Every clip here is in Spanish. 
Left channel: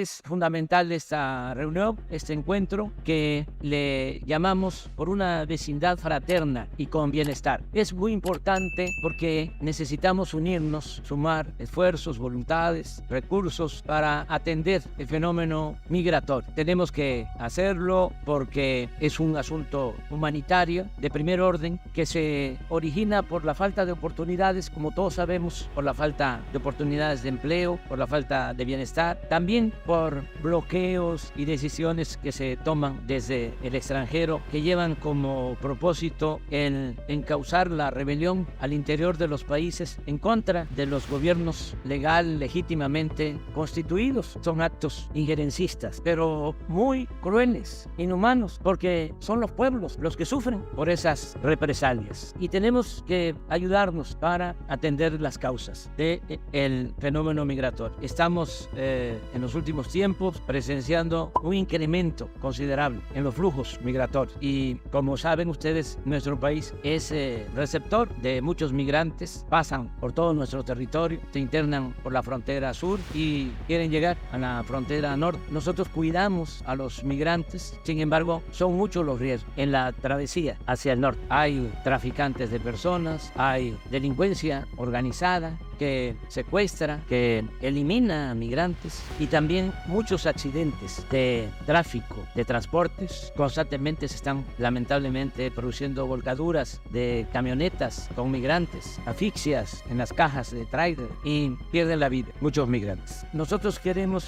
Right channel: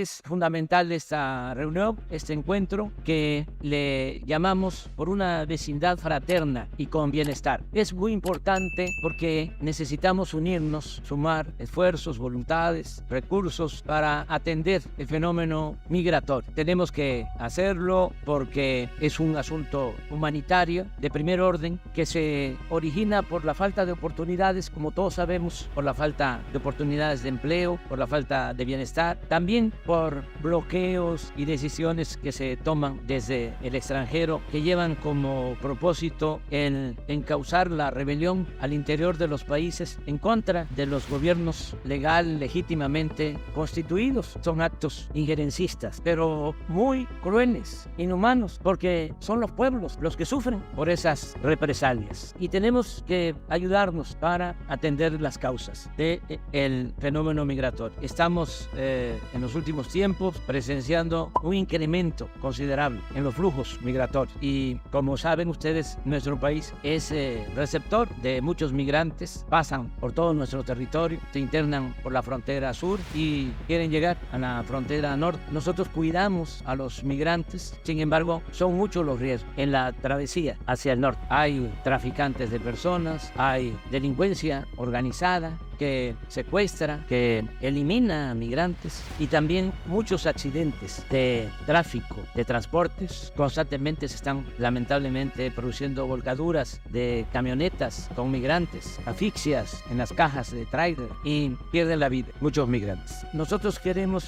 Es fundamental esta reunión, este encuentro que le llamamos por una vecindad fraterna y con bienestar. Es muy importante porque necesitamos unirnos, sumar esfuerzos, voluntades, recursos para atender el fenómeno migratorio. Tenemos que hacerlo porque es un asunto humanitario de primer orden que se origina por la falta de oportunidades, como todos sabemos, por la falta de oportunidades de empleo, por la falta de bienestar, también por bloqueos y decisiones que se toman desde el extranjero que llevan como propósito el encauzar la rebelión al interior de los países en contra de los gobiernos legal, legítimamente constituidos. Son actos injerencistas, pero muy crueles, inhumanos, porque son los pueblos los que sufren por esas represalias y tenemos que ayudarnos para atender las causas del fenómeno migratorio. Estamos en los últimos tiempos presenciando un incremento considerable en los flujos migratorios y como saben ustedes, nuestro país es receptor de muchos migrantes, pasan por todo nuestro territorio, se internan por la frontera sur y quieren llegar a la frontera norte. Nosotros cuidamos a los migrantes, sin embargo son muchos los riesgos en la travesía hacia el norte. Hay traficantes de personas, hay delincuencia organizada que secuestra, que elimina migrantes y también muchos accidentes de tráfico, de transportes. Constantemente se están lamentablemente produciendo volcaduras de camionetas con migrantes, asfixias en las cajas de tráiler y pierden la vida muchos migrantes. Nosotros queremos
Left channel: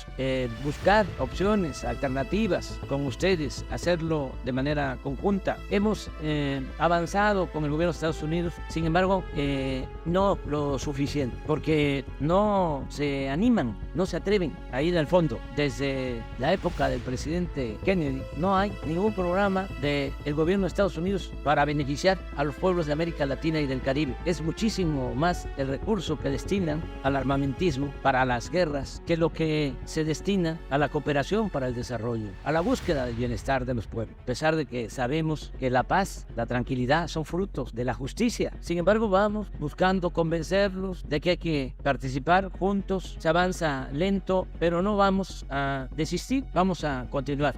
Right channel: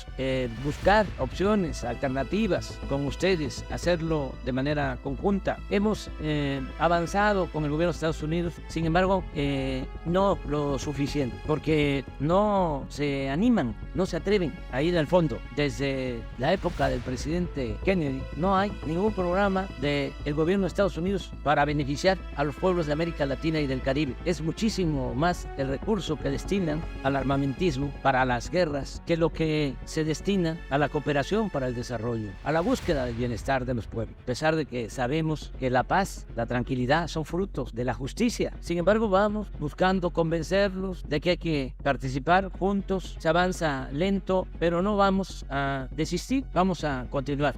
buscar opciones alternativas con ustedes, hacerlo de manera conjunta. Hemos avanzado en el nivel de Estados Unidos, sin embargo no lo suficiente, porque no se animan, no se atreven a ir al fondo. Desde la época del presidente Kennedy no hay ningún programa del gobierno de Estados Unidos para beneficiar a los pueblos de América Latina y del Caribe. Es muchísimo más el recurso que destinan al armamentismo para las guerras que lo que se destina a la cooperación para el desarrollo, a la búsqueda del bienestar de los pueblos. A pesar de que sabemos que la paz, la tranquilidad son frutos de la justicia, sin embargo vamos buscando convencerlos de que hay que participar juntos. Se avanza lento, pero no vamos a desistir. Vamos a continuar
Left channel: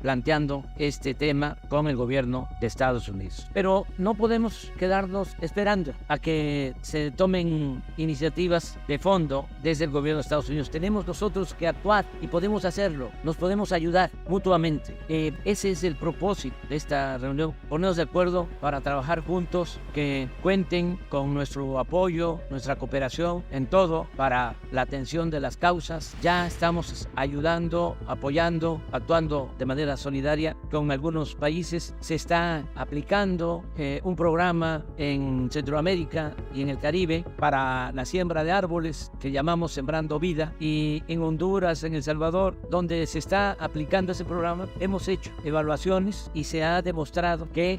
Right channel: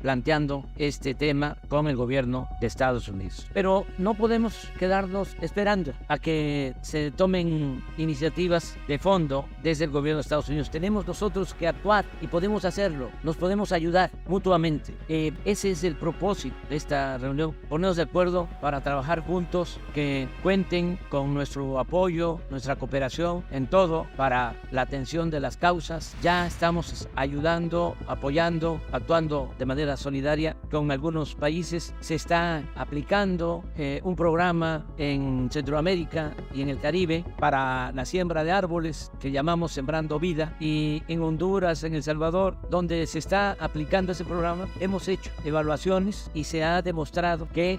planteando este tema con el gobierno de Estados Unidos. Pero no podemos quedarnos esperando a que se tomen iniciativas de fondo desde el gobierno de Estados Unidos. Tenemos nosotros que actuar y podemos hacerlo. Nos podemos ayudar mutuamente. Ese es el propósito de esta reunión. Ponernos de acuerdo para trabajar juntos, que cuenten con nuestro apoyo, nuestra cooperación en todo para la atención de las causas. Ya estamos ayudando, apoyando, actuando de manera solidaria con algunos países. Se está aplicando un programa en Centroamérica y en el Caribe para la siembra de árboles que llamamos Sembrando Vida, y en Honduras, en El Salvador, donde se está aplicando ese programa, hemos hecho evaluaciones y se ha demostrado que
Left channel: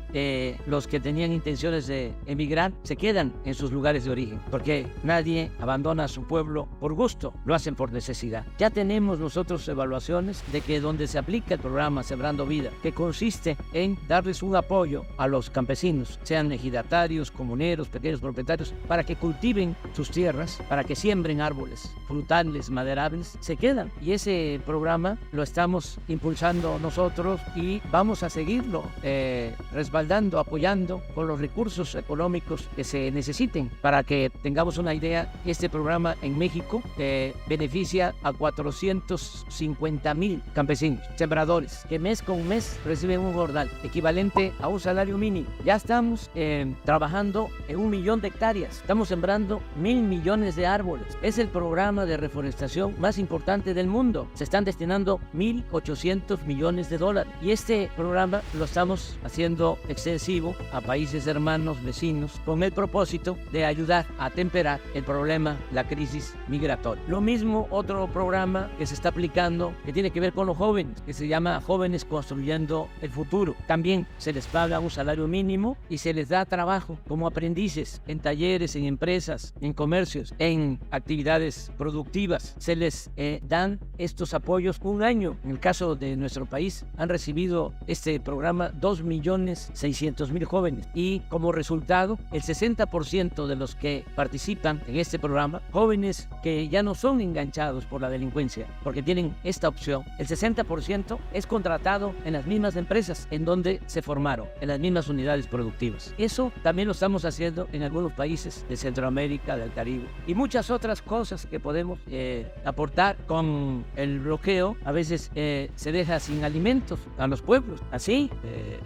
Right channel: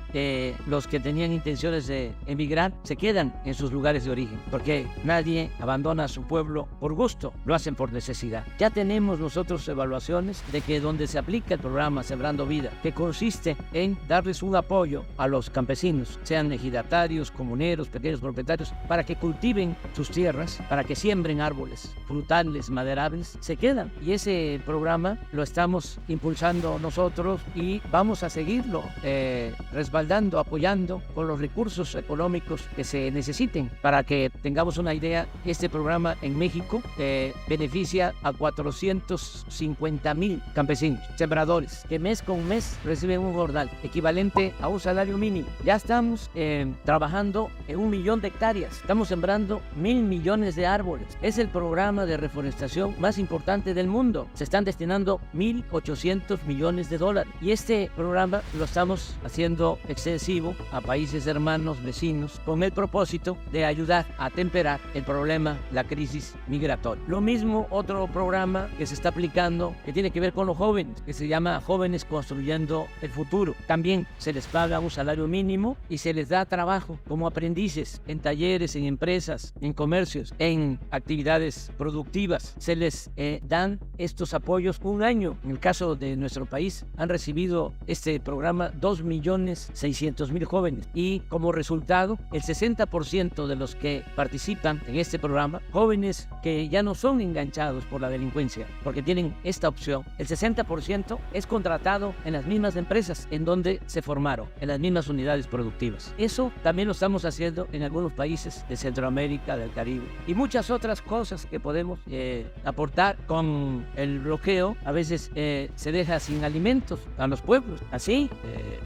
los que tenían intenciones de emigrar se quedan en sus lugares de origen, porque nadie abandona su pueblo por gusto, lo hacen por necesidad. Ya tenemos nosotros evaluaciones de que donde se aplica el programa Sembrando Vida, que consiste en darles un apoyo a los campesinos, sean ejidatarios, comuneros, pequeños propietarios, para que cultiven sus tierras, para que siembren árboles frutales, maderables, se quedan. Y ese programa lo estamos impulsando nosotros y vamos a seguirlo respaldando, apoyando con los recursos económicos que se necesiten. Para que tengamos una idea, este programa en México beneficia a 450,000 campesinos, sembradores, que mes con mes reciben un jordal equivalente a un salario mínimo. Ya estamos trabajando en 1 millón de hectáreas, estamos sembrando 1,000 millones de árboles. Es el programa de reforestación más importante del mundo. Se están destinando 1,800 millones de dólares y este programa lo estamos haciendo extensivo a países hermanos, vecinos, con el propósito de ayudar a temperar el problema, la crisis migratoria. Lo mismo otro programa que se está aplicando que tiene que ver con los jóvenes, que se llama Jóvenes Construyendo el Futuro. También se les paga un salario mínimo y se les da trabajo como aprendices en talleres, en empresas, en comercios, en actividades productivas. Se les dan estos apoyos un año. En el caso de nuestro país, han recibido este programa 2.600.000 jóvenes y como resultado, el 60% de los que participan en este programa, jóvenes que ya no son enganchados por la delincuencia, porque tienen esta opción, el 60% es contratado en las mismas empresas en donde se formaron, en las mismas unidades productivas. Eso también lo estamos haciendo en algunos países de Centroamérica, del Caribe y muchas otras cosas que podemos aportar. Con el bloqueo a veces se deja sin alimentos a los pueblos, así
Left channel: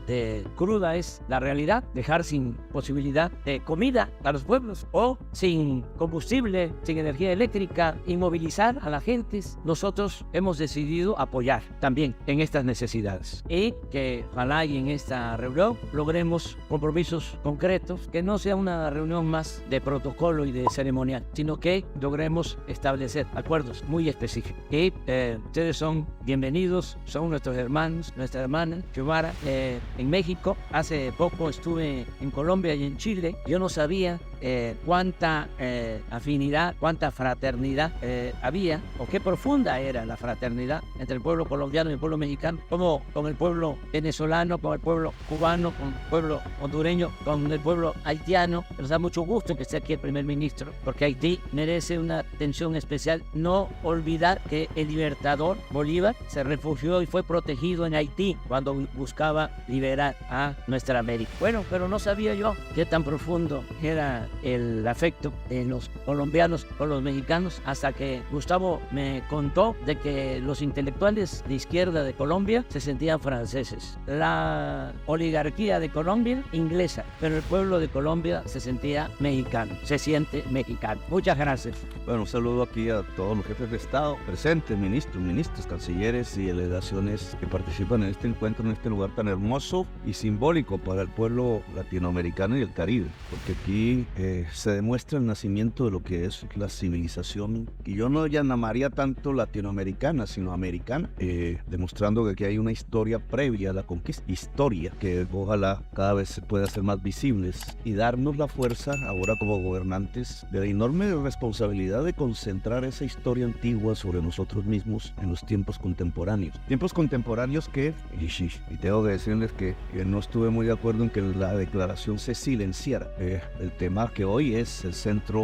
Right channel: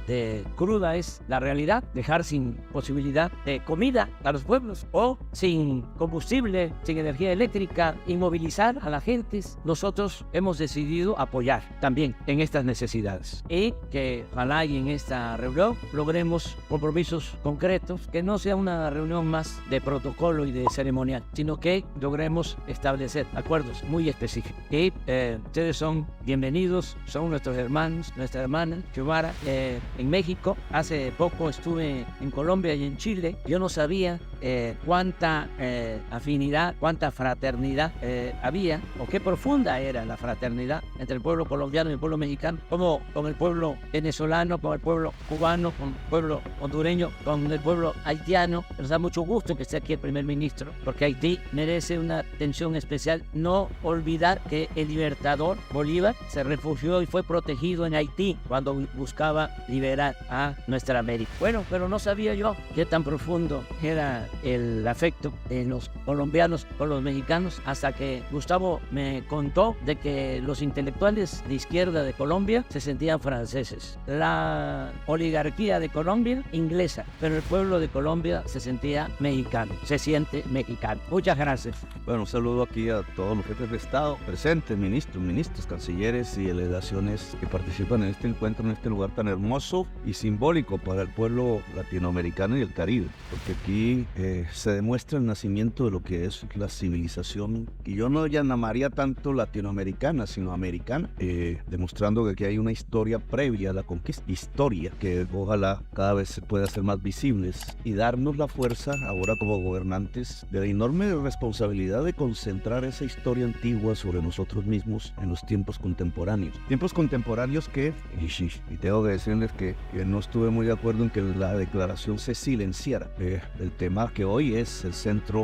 de cruda es la realidad, dejar sin posibilidad de comida a los pueblos o sin combustible, sin energía eléctrica, inmovilizar a la gente. Nosotros hemos decidido apoyar también en estas necesidades y que ojalá y en esta reunión logremos compromisos concretos, que no sea una reunión más de protocolo y de ceremonial, sino que logremos establecer acuerdos muy específicos. Y ustedes son bienvenidos, son nuestros hermanos, nuestra hermana Xiomara. En México, hace poco estuve en Colombia y en Chile. Yo no sabía cuánta afinidad, cuánta fraternidad había, o qué profunda era la fraternidad entre el pueblo colombiano y el pueblo mexicano, como con el pueblo venezolano, con el pueblo cubano, con el pueblo hondureño, con el pueblo haitiano. Nos da mucho gusto que esté aquí el primer ministro, porque Haití merece una atención especial. No olvidar que el libertador Bolívar se refugió y fue protegido en Haití cuando buscaba liberar a nuestra América. Bueno, pero no sabía yo qué tan profundo era el afecto de los colombianos con los mexicanos, hasta que Gustavo me contó de que los intelectuales de izquierda de Colombia se sentían franceses, la oligarquía de Colombia inglesa, pero el pueblo de Colombia se sentía mexicano, se siente mexicano. Muchas gracias. Bueno, un saludo aquí a todos los jefes de Estado presentes, ministros, cancilleres y delegaciones que participan en este encuentro, en este lugar tan hermoso y simbólico para el pueblo latinoamericano y el Caribe, porque aquí se demuestra el nacimiento de lo que es la civilización, y yo no llamaría tanto latinoamericana, sino americana, demostrando que aquí hay una historia previa a la conquista, historia que ojalá cada vez se pueda hacer más visibles y darnos la fuerza ahora como gobernantes de la enorme responsabilidad de concentrar esa historia antigua sobre nosotros mismos en los tiempos contemporáneos que, tengo que decirles que no estuve muy de acuerdo en que la declaración se silenciara. El tema que hoy es el centro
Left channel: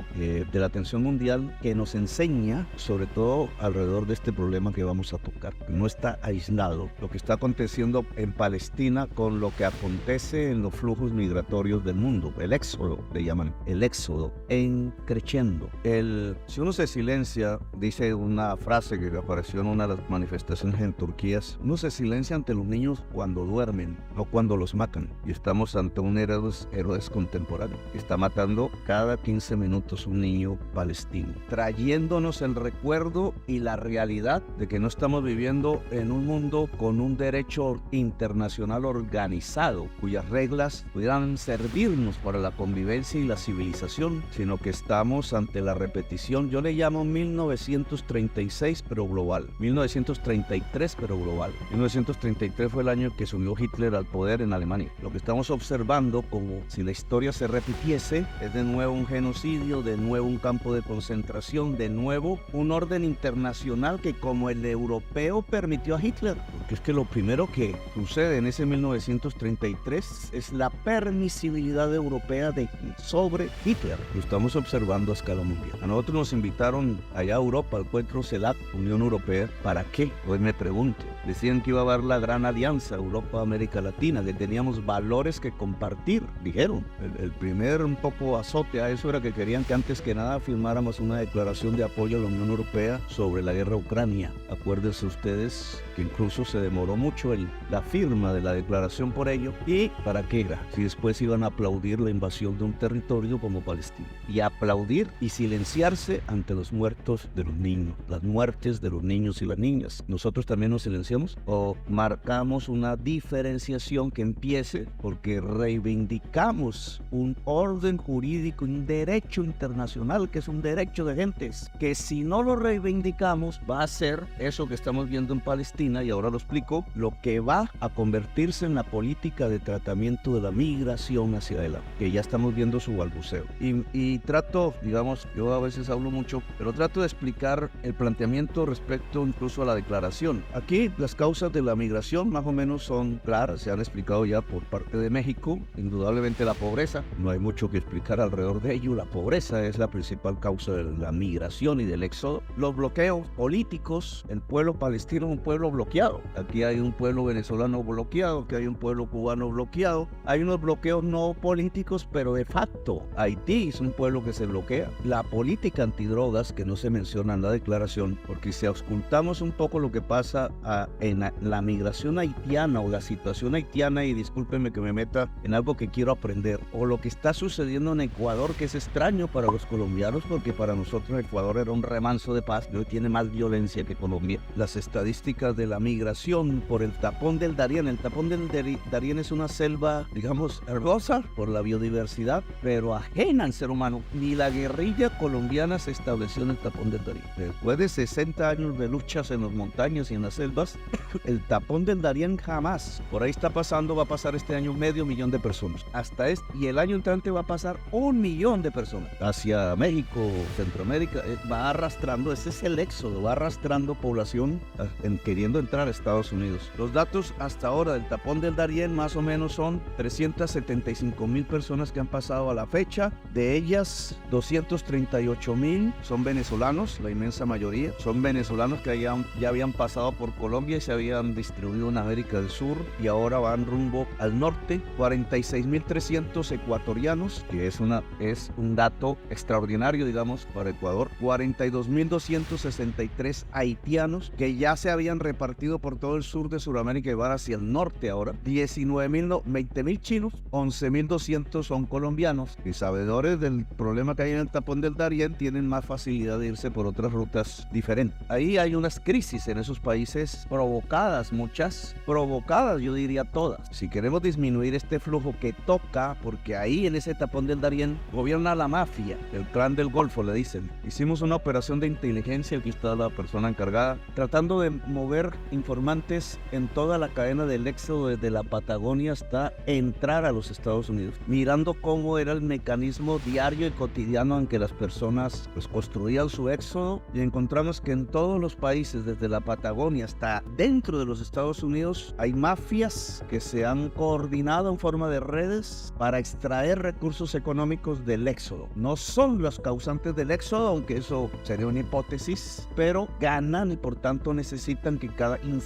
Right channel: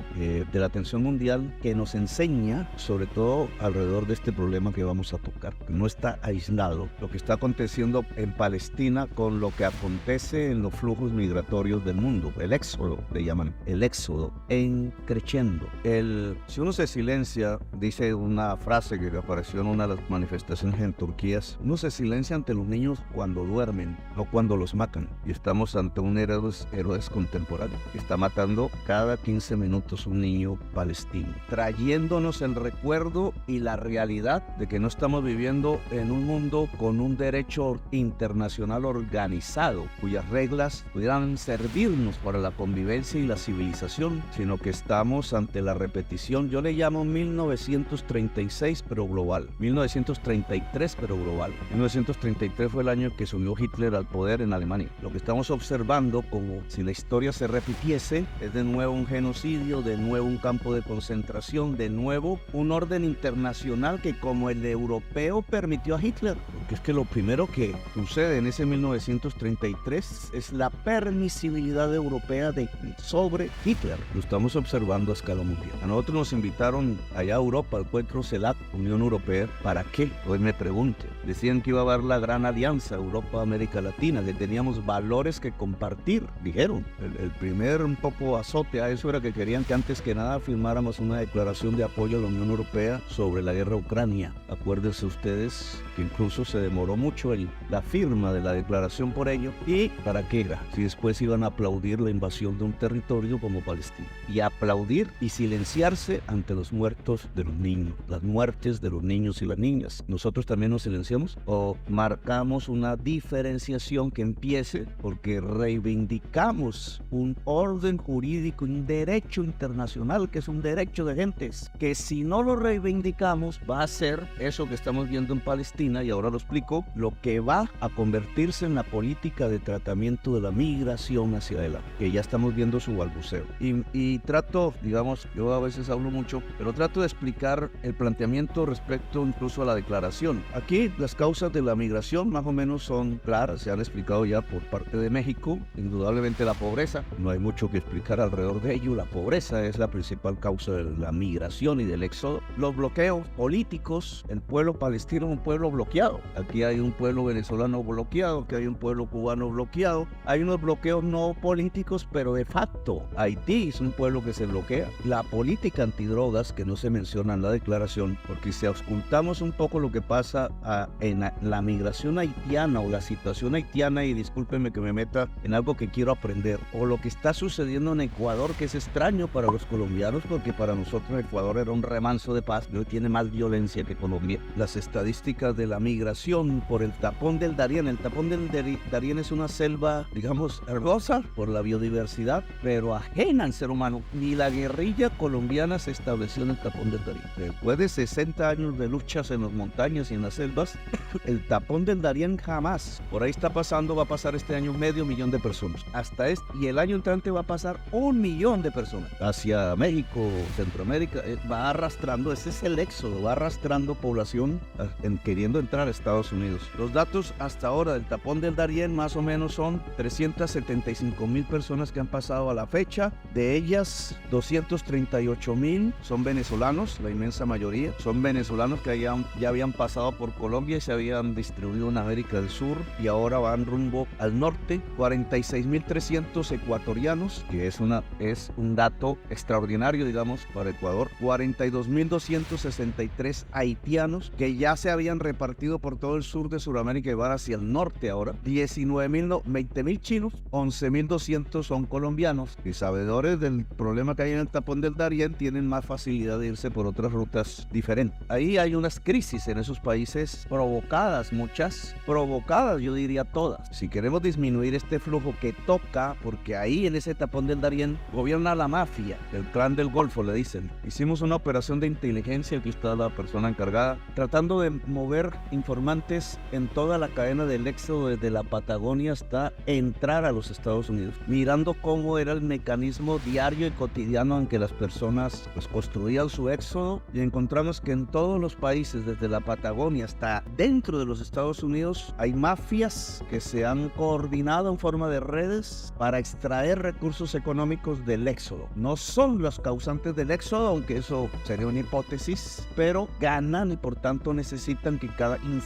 de la atención mundial, que nos enseña sobre todo alrededor de este problema que vamos a tocar, que no está aislado lo que está aconteciendo en Palestina con lo que acontece en los flujos migratorios del mundo, el éxodo, le llaman, el éxodo en creciendo. Si uno se silencia, dice una frase que apareció en una de las manifestaciones en Turquía, uno se silencia ante los niños cuando duermen, no cuando los matan. Y estamos ante un héroes contemporáneo que está matando cada 15 minutos un niño palestino, trayéndonos el recuerdo y la realidad de que no estamos viviendo en un mundo con un derecho internacional organizado, cuyas reglas puedan servirnos para la convivencia y la civilización, sino que estamos ante la repetición. Yo le llamo 1936 pero global, 1933 pero global. 1933 fue el año en que subió Hitler al poder en Alemania. Lo que estamos observando, como si la historia se repitiese, es de nuevo un genocidio, de nuevo un campo de concentración, de nuevo un orden internacional que, como el europeo, permitió a Hitler. Porque es que lo primero que sucede en ese 1933 es la permisibilidad europea sobre Hitler. Lo estamos observando a escala mundial. A nosotros nos invitaron allá a Europa, al encuentro CELAC, Unión Europea. ¿Para qué? Hoy me pregunte. Decían que iba a haber la gran alianza Europa-América Latina, que teníamos valores que compartir, dijeron. El primer un poco azote a eso era que querían que antes que nada firmáramos una declaración de apoyo a la Unión Europea sobre la guerra a Ucrania. Acuérdense ustedes que incluso se demoró mucho en la firma de la declaración por ello. ¿Y para qué era? Si después iban a aplaudir la invasión de un territorio como Palestina. Y aplaudir y silenciarse ante los muertos de los niños, las muertes de los niños y las niñas. ¿Nosotros también nos silenciamos? ¿O pero marcamos una diferenciación que empiece porque reivindicamos un orden jurídico, un derecho internacional que es un derecho de gentes, que si no lo reivindicamos va a ser eso que estamos viendo en Palestina, y ahora lo explico, lo que va a convertirse en la política de tratamiento de la migración hacia adelante, que ya estamos viendo su balbuceo. Y trato, digamos, yo a veces hablo mucho, pero trato de explicar el planteamiento respecto incluso a la declaración. Aquí las causas de la migración más o menos son claras, se han explicado ya por parte de México. Indudablemente la pobreza, no hay mucho que explicar alrededor de ello. La pobreza es la principal causa de la migración y del éxodo. Los bloqueos políticos, el pueblo palestino es un pueblo bloqueado. Aquí hay un pueblo venezolano bloqueado, aquí hay un pueblo cubano bloqueado. Hay unos bloqueos no políticos, pero de facto. Haití es un pueblo que se bloquea. La política antidrogas, que no se menciona en la declaración, porque si auscultamos un poco lo que pasa en la migración haitiana o la situación haitiana, y discúlpenme que me meta en algo que quiero aprender, o lo que está sucediendo en Ecuador, que es extraño para los colombianos, porque para nosotros Ecuador era un remanso de paz, y hoy tiene más violencia que Colombia. Las estadísticas de la migración por el tapón del Darién. El tapón del Darién es una selva, digamos, hermosa por la biodiversidad, pero ajena al ser humano. Ni la guerrilla colombiana se estableció en el tapón del Darién. Después de 60 años de luchas en las montañas y en las selvas, el tapón del Darién jamás. Por ahí está pasando, va a pasar este año 500,000 de personas. Y el año entrante va a pasar 1,000,000 de personas. Hacia México, Centroamérica, va arrastrando, ese es el éxodo, va arrastrando población queriendo entrar a Estados Unidos. Los datos hasta ahora del tapón del Darién más o menos son 375,000 personas que han pasado a la fecha. De ellas, 238,000 son venezolanos, la inmensa mayoría. Son venezolanos que ya habían pasado por Colombia y se habían distribuido en América del Sur y ahora van rumbo al norte. 46,300 ecuatorianos, que es un dato extraordinario, digamos, para Ecuador. 42,263 haitianos que ya se habían repartido por todo el sur de Sudamérica y van hacia el norte ahora. 20,000 chinos, 11,200 son colombianos, y sabedores del problema que hay en el tapón del Darién tienen más facilidad de irse por otras rutas diferentes. Ahí hay unas crisis en esos países provocadas, muchas provocadas, yo diría todas. Si queremos disminuir este flujo que toca, porque ahí en ese tapón del Darién gobierna la mafia, el clan del Golfo le dicen. Hicimos una operación de inteligencia, aquí está la persona encargada, tratando de mover informantes en toda la cadena del éxodo desde la Patagonia hasta entrar a los Estados Unidos, mirando cómo era el mecanismo diario y cotidiano en que las personas construían su éxodo, y encontramos que en todos los países, desde la Patagonia hasta dentro de los Estados Unidos, hay mafias que se han coordinado en forma de redes para extraer recursos económicos del éxodo. No son los causantes del éxodo, aunque eso sería una hipótesis, pero ganan y por tanto necesitan que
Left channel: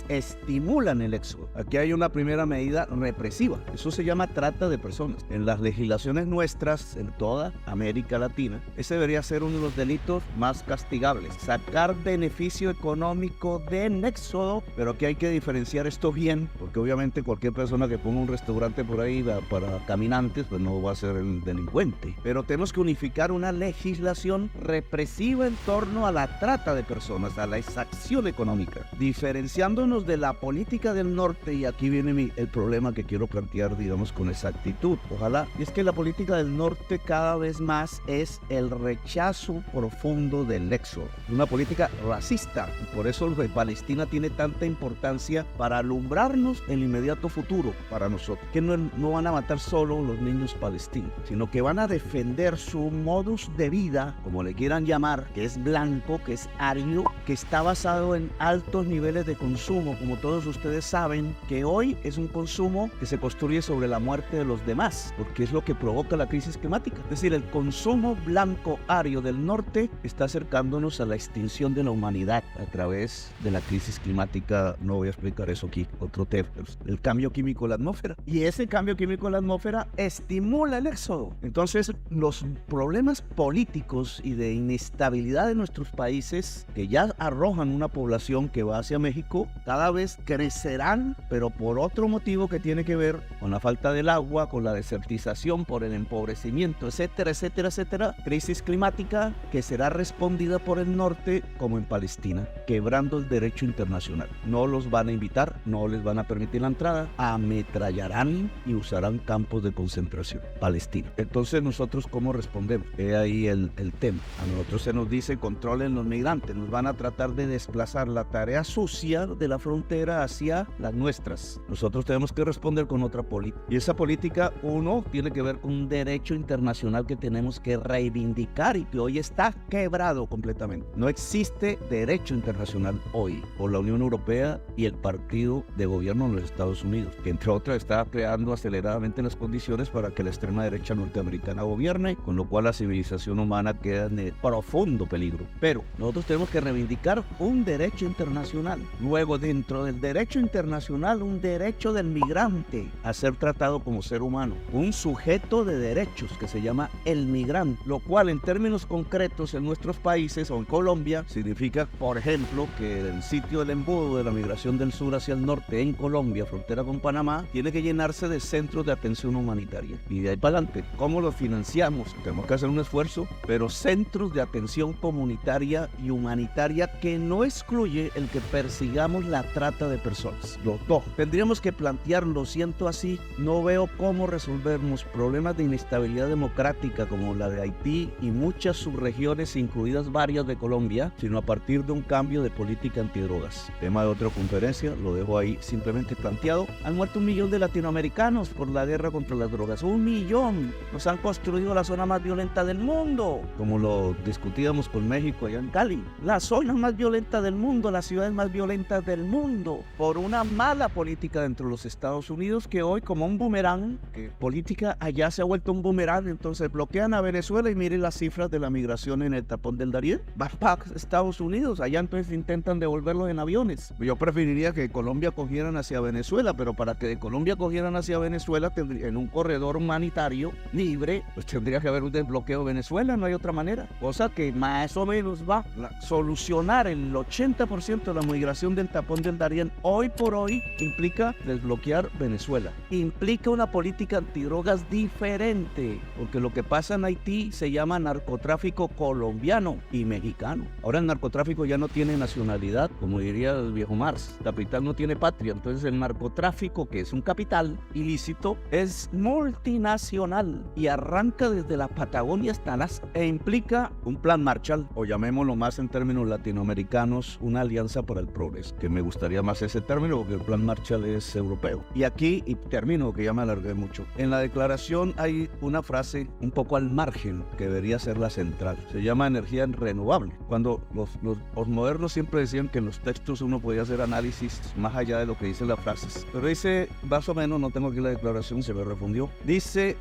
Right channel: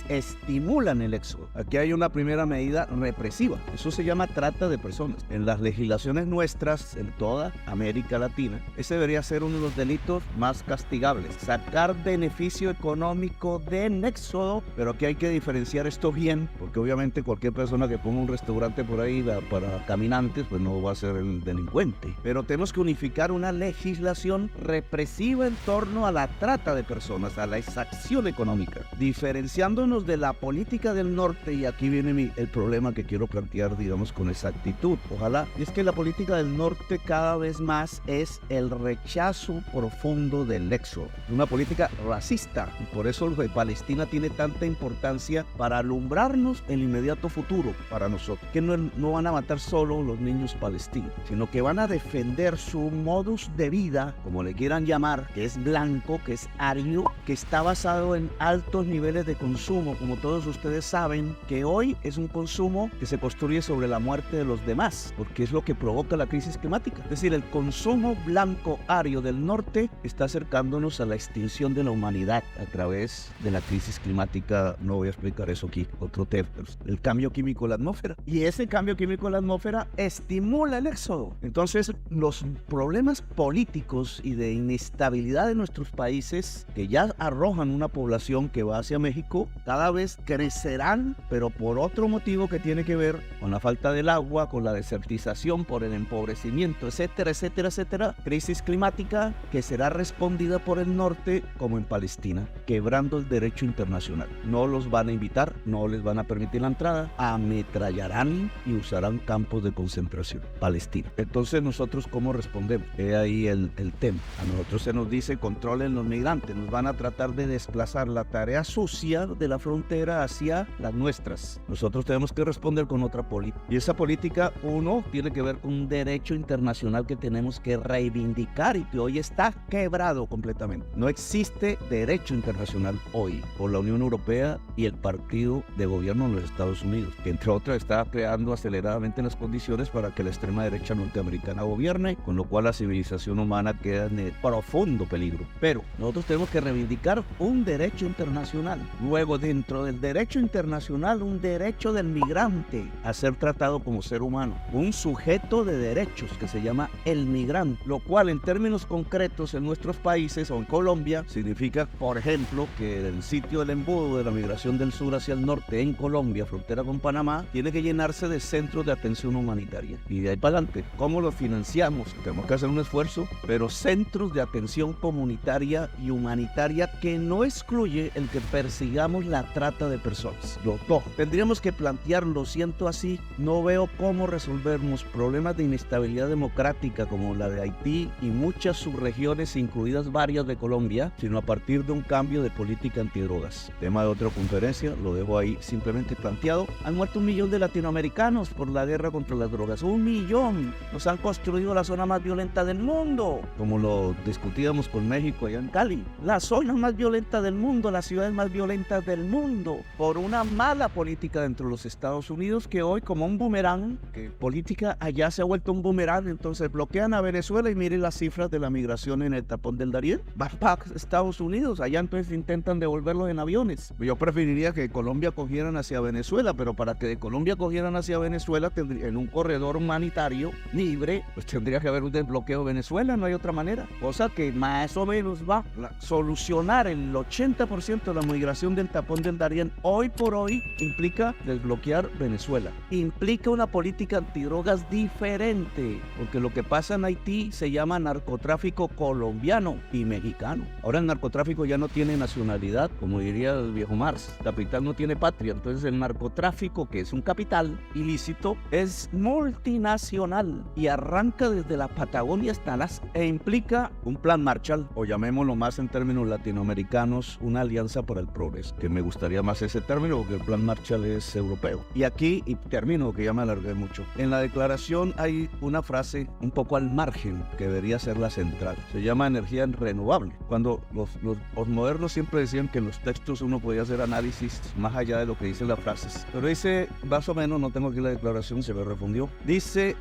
estimulan el éxodo. Aquí hay una primera medida represiva, eso se llama trata de personas. En las legislaciones nuestras, en toda América Latina, ese debería ser uno de los delitos más castigables, sacar beneficio económico del éxodo, pero aquí hay que diferenciar esto bien, porque obviamente cualquier persona que ponga un restaurante por ahí para caminantes, pues no va a ser el delincuente, pero tenemos que unificar una legislación represiva en torno a la trata de personas, a la exacción económica, diferenciándonos de la política del norte. Y aquí viene el problema que quiero plantear, digamos, con exactitud, ojalá, y es que la política del norte cada vez más es el rechazo profundo del éxodo, una política racista. Por eso Palestina tiene tanta importancia para alumbrarnos el inmediato futuro para nosotros, que no van a matar solo los niños palestinos, sino que van a defender su modus de vida, como le quieran llamar, que es blanco, que es ario, que está basado en altos niveles de consumo. Como todos ustedes saben, que hoy es un consumo que se construye sobre la muerte de los demás, porque es lo que provoca la crisis climática. Es decir, el consumo blanco ario del norte está acercándonos a la extinción de la humanidad a través de la crisis climática. No voy a explicar eso aquí, otro tema, el cambio químico en la atmósfera, y ese cambio químico en la atmósfera estimula el éxodo. Entonces, los problemas políticos y de inestabilidad de nuestros países, que ya arrojan una población que va hacia México, fijo, cada vez crecerán, pero por otro motivo que tiene que ver con la falta del agua, con la desertización, por el empobrecimiento, etcétera, etcétera, etcétera. Crisis climática que será respondida por el norte como en Palestina, quebrando el derecho internacional. No los van a invitar, no les van a permitir la entrada, ametrallarán y usarán campos de concentración. Palestina. Entonces nosotros ¿cómo respondemos? He ahí el tema. A nosotros se nos dice controlen los migrantes, nos van a tratar de desplazar la tarea sucia de la frontera hacia las nuestras. Nosotros tenemos que responder con otra política. Y esa política, uno, tiene que ver con un derecho internacional que tenemos que reivindicar y que hoy está quebrado completamente. No existe derecho internacional hoy por la Unión Europea y el partido de gobierno de los Estados Unidos, que entre otras está creando aceleradamente las condiciones para que la extrema derecha norteamericana gobierne, con lo cual la civilización humana queda en profundo peligro. Pero nosotros tenemos que reivindicar un derecho internacional. Luego, dentro del derecho internacional, un derecho del migrante a ser tratado como ser humano, un sujeto de derechos que se llama el migrante, lo cual en términos concretos en nuestros países o en Colombia significa, por ejemplo, que el sitio del embudo de la migración del sur hacia el norte en Colombia, frontera con Panamá, tiene que llenarse de centros de atención humanitaria. Y de ahí para adelante, ¿cómo lo financiamos? Tenemos que hacer un esfuerzo, pero centros de atención comunitaria y humanitaria que no excluye el que persigamos la trata de personas. Los dos. Tendríamos que plantearlo, siento así, no veo cómo resolvernos problemas de inestabilidad democrática como la de Haití y muchas subregiones, incluidas varias de Colombia, sino a partir de un cambio de política antidrogas. Tema de otra conferencia, lo dejo ahí simplemente planteado. Han muerto 1 millón de latinoamericanos por la guerra contra las drogas. 1 millón. Nos han construido la zona más violenta del mundo, como lo discutíamos con México allá en Cali. La zona más violenta del mundo, las ciudades más violentas del mundo, por una mala política dentro de los Estados Unidos que hoy como un boomerang, que política allá se ha vuelto un boomerang, entonces bloquean a Venezuela y miren las cifras de la migración en el tapón del Darién. Vas para Estados Unidos, allá entonces intentan devolverlos en aviones. Yo preferiría que de Colombia cogieran hacia Venezuela, pero para que de Colombia cogieran hacia Venezuela en un corredor humanitario libre, pues tendría que haber un desbloqueo de Venezuela, no hay otra manera. Cosa que más o menos va a solucionar el 80% de la migración del tapón del Darién hoy por hoy implica desbloquear Venezuela. Implica una política antidrogas diferente, porque lo que pasa en Haití se llama narcotráfico colombiano y mexicano. Ahora el narcotráfico ya no tiene nacionalidad, como diría el viejo Marx. Capital no tiene patria, entonces el narcotráfico, que es un capital ilícito, es multinacional y arranca desde la Patagonia hasta Alaska e implica un plan Marshall, o llamémoslo más en términos latinoamericanos, una alianza para el progreso, que me gustaría más ese término porque el plan Marshall es europeo. Y aquí, y termino que ya me alargué mucho, en la declaración hay una frase un poco al margen que debería ser la central, se llama energía renovable. Cuando los modernos siempre decían que en los textos uno podía hacer análisis más allá de lo que dice las frases, pero dice más o menos, no tengo aquí la declaración, se me refundió, dice,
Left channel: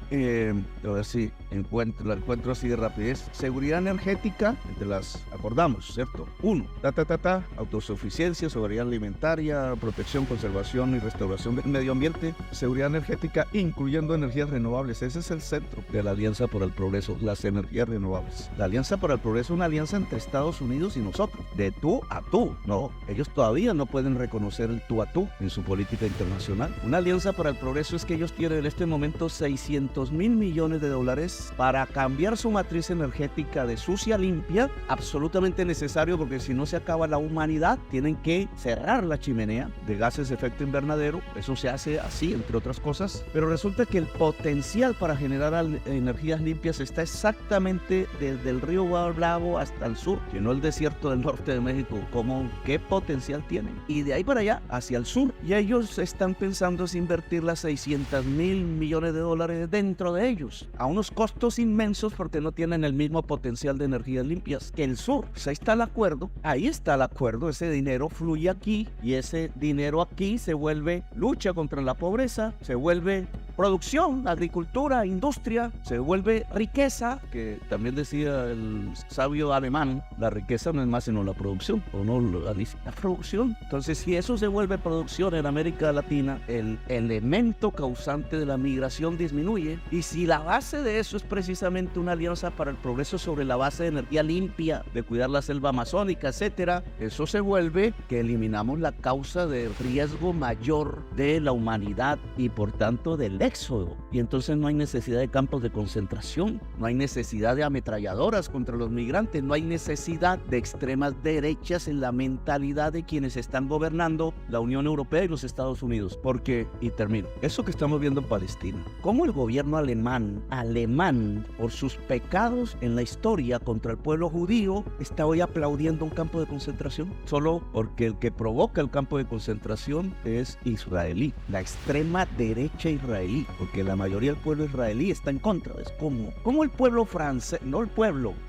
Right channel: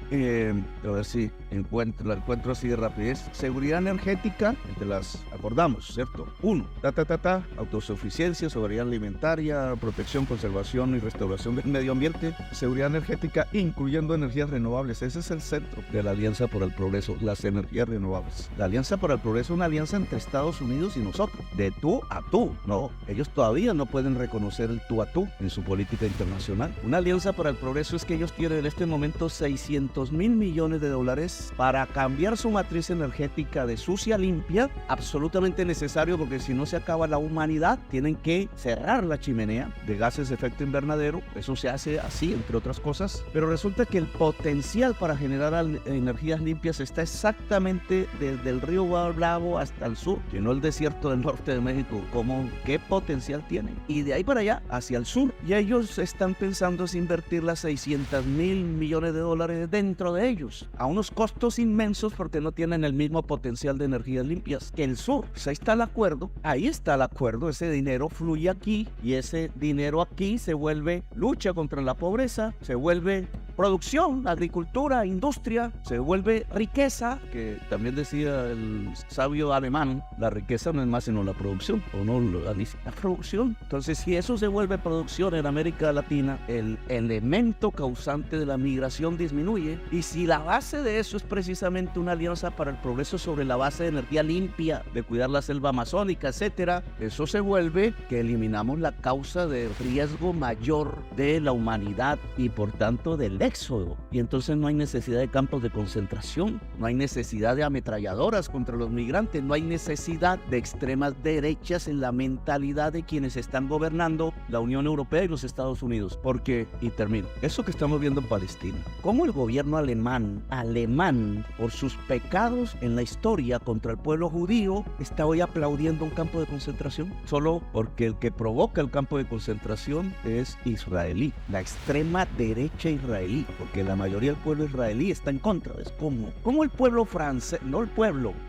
a ver si la encuentro así de rapidez: seguridad energética, te las acordamos, ¿cierto? 1, autosuficiencia, soberanía alimentaria, protección, conservación y restauración del medio ambiente, seguridad energética incluyendo energías renovables. Ese es el centro de la Alianza por el Progreso, las energías renovables. La Alianza por el Progreso es una alianza entre Estados Unidos y nosotros, de tú a tú. No, ellos todavía no pueden reconocer el tú a tú en su política internacional. Una alianza para el progreso es que ellos tienen en este momento $600 mil millones para cambiar su matriz energética de sucia a limpia, absolutamente necesario porque si no se acaba la humanidad, tienen que cerrar la chimenea de gases de efecto invernadero. Eso se hace así, entre otras cosas, pero resulta que el potencial para generar energías limpias está exactamente desde el río Bravo hasta el sur, que no el desierto del norte de México. ¿Qué potencial tiene? Y de ahí para allá, hacia el sur. Y ellos están pensando en invertir las $600 mil millones dentro de ellos, a unos costos inmensos porque no tienen el mismo potencial de energías limpias que el sur. Pues ahí está el acuerdo, ese dinero fluye aquí y ese dinero aquí se vuelve lucha contra la pobreza, se vuelve producción, agricultura, industria, se vuelve riqueza, que también decía el sabio alemán, la riqueza no es más sino la producción, o no la producción. Entonces, si eso se vuelve producción en América Latina, el elemento causante de la migración disminuye, y si la base de eso es precisamente una alianza para el progreso sobre la base de energía limpia, de cuidar la selva amazónica, etcétera, eso se vuelve que eliminamos la causa de riesgo mayor de la humanidad y por tanto del éxodo, y entonces no hay necesidad de campos de concentración, no hay necesidad de ametralladoras contra los migrantes, no hay necesidad de extremas derechas en la mentalidad de quienes están gobernando la Unión Europea y los Estados Unidos. Porque, y termino, eso que estamos viendo en Palestina, cómo el gobierno alemán, por sus pecados en la historia contra el pueblo judío, está hoy aplaudiendo un campo de concentración, solo porque el que provoca el campo de concentración es israelí, la extrema derecha israelí, porque la mayoría del pueblo israelí está en contra. Es como el pueblo francés,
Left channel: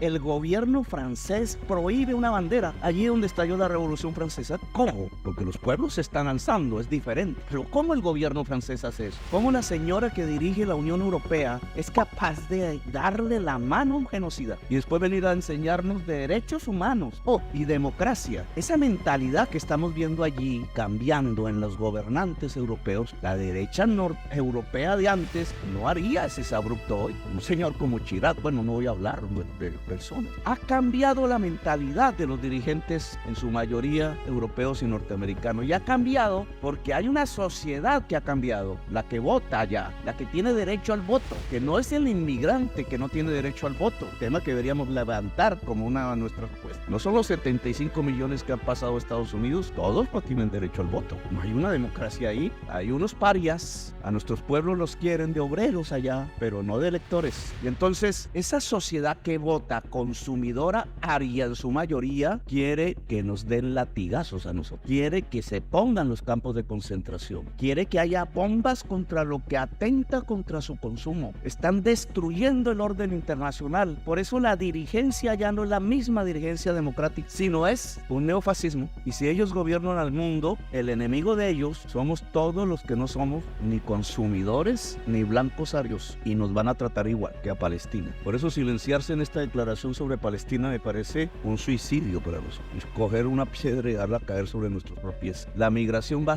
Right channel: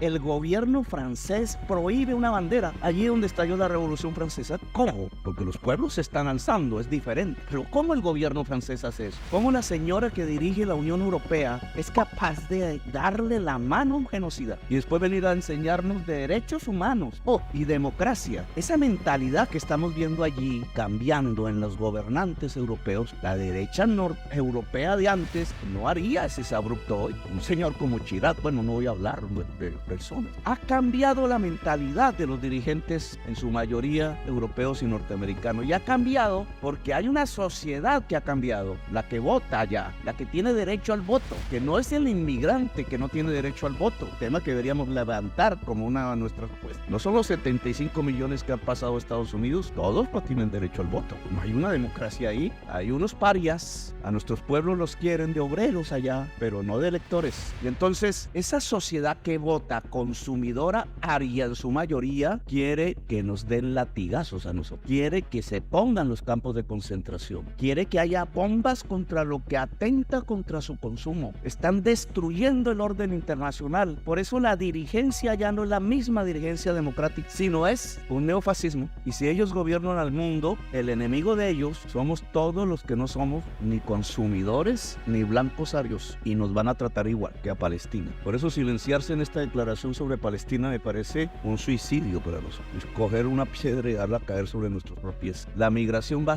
el gobierno francés prohíbe una bandera allí donde estalló la Revolución Francesa. ¿Cómo? Porque los pueblos se están alzando, es diferente. Pero ¿cómo el gobierno francés hace eso? ¿Cómo la señora que dirige la Unión Europea es capaz de darle la mano a un genocida y después venir a enseñarnos de derechos humanos y democracia? Esa mentalidad que estamos viendo allí cambiando en los gobernantes europeos, la derecha europea de antes no haría ese abrupto hoy. Un señor como Chirac, bueno, no voy a hablar de personas. Ha cambiado la mentalidad de los dirigentes, en su mayoría europeos y norteamericanos, y ha cambiado porque hay una sociedad que ha cambiado, la que vota ya, la que tiene derecho al voto, que no es el inmigrante que no tiene derecho al voto, tema que deberíamos levantar como una de nuestras. No son los 75 millones que han pasado a Estados Unidos, todos no tienen derecho al voto. No hay una democracia ahí, hay unos parias, a nuestros pueblos los quieren de obreros allá, pero no de electores. Y entonces, esa sociedad que vota consumidora aria en su mayoría, quiere que nos den latigazos a nosotros, quiere que se pongan los campos de concentración, quiere que haya bombas contra lo que atenta contra su consumo. Están destruyendo el orden internacional, por eso la dirigencia ya no es la misma dirigencia democrática, sino es un neofascismo. Y si ellos gobiernan al mundo, el enemigo de ellos somos todos los que no somos ni consumidores ni blancos arios, y nos van a tratar igual que a Palestina. Por eso silenciarse en esta declaración sobre Palestina me parece un suicidio para nosotros. Escoger una piedra y darla a caer sobre nuestros pies. La migración va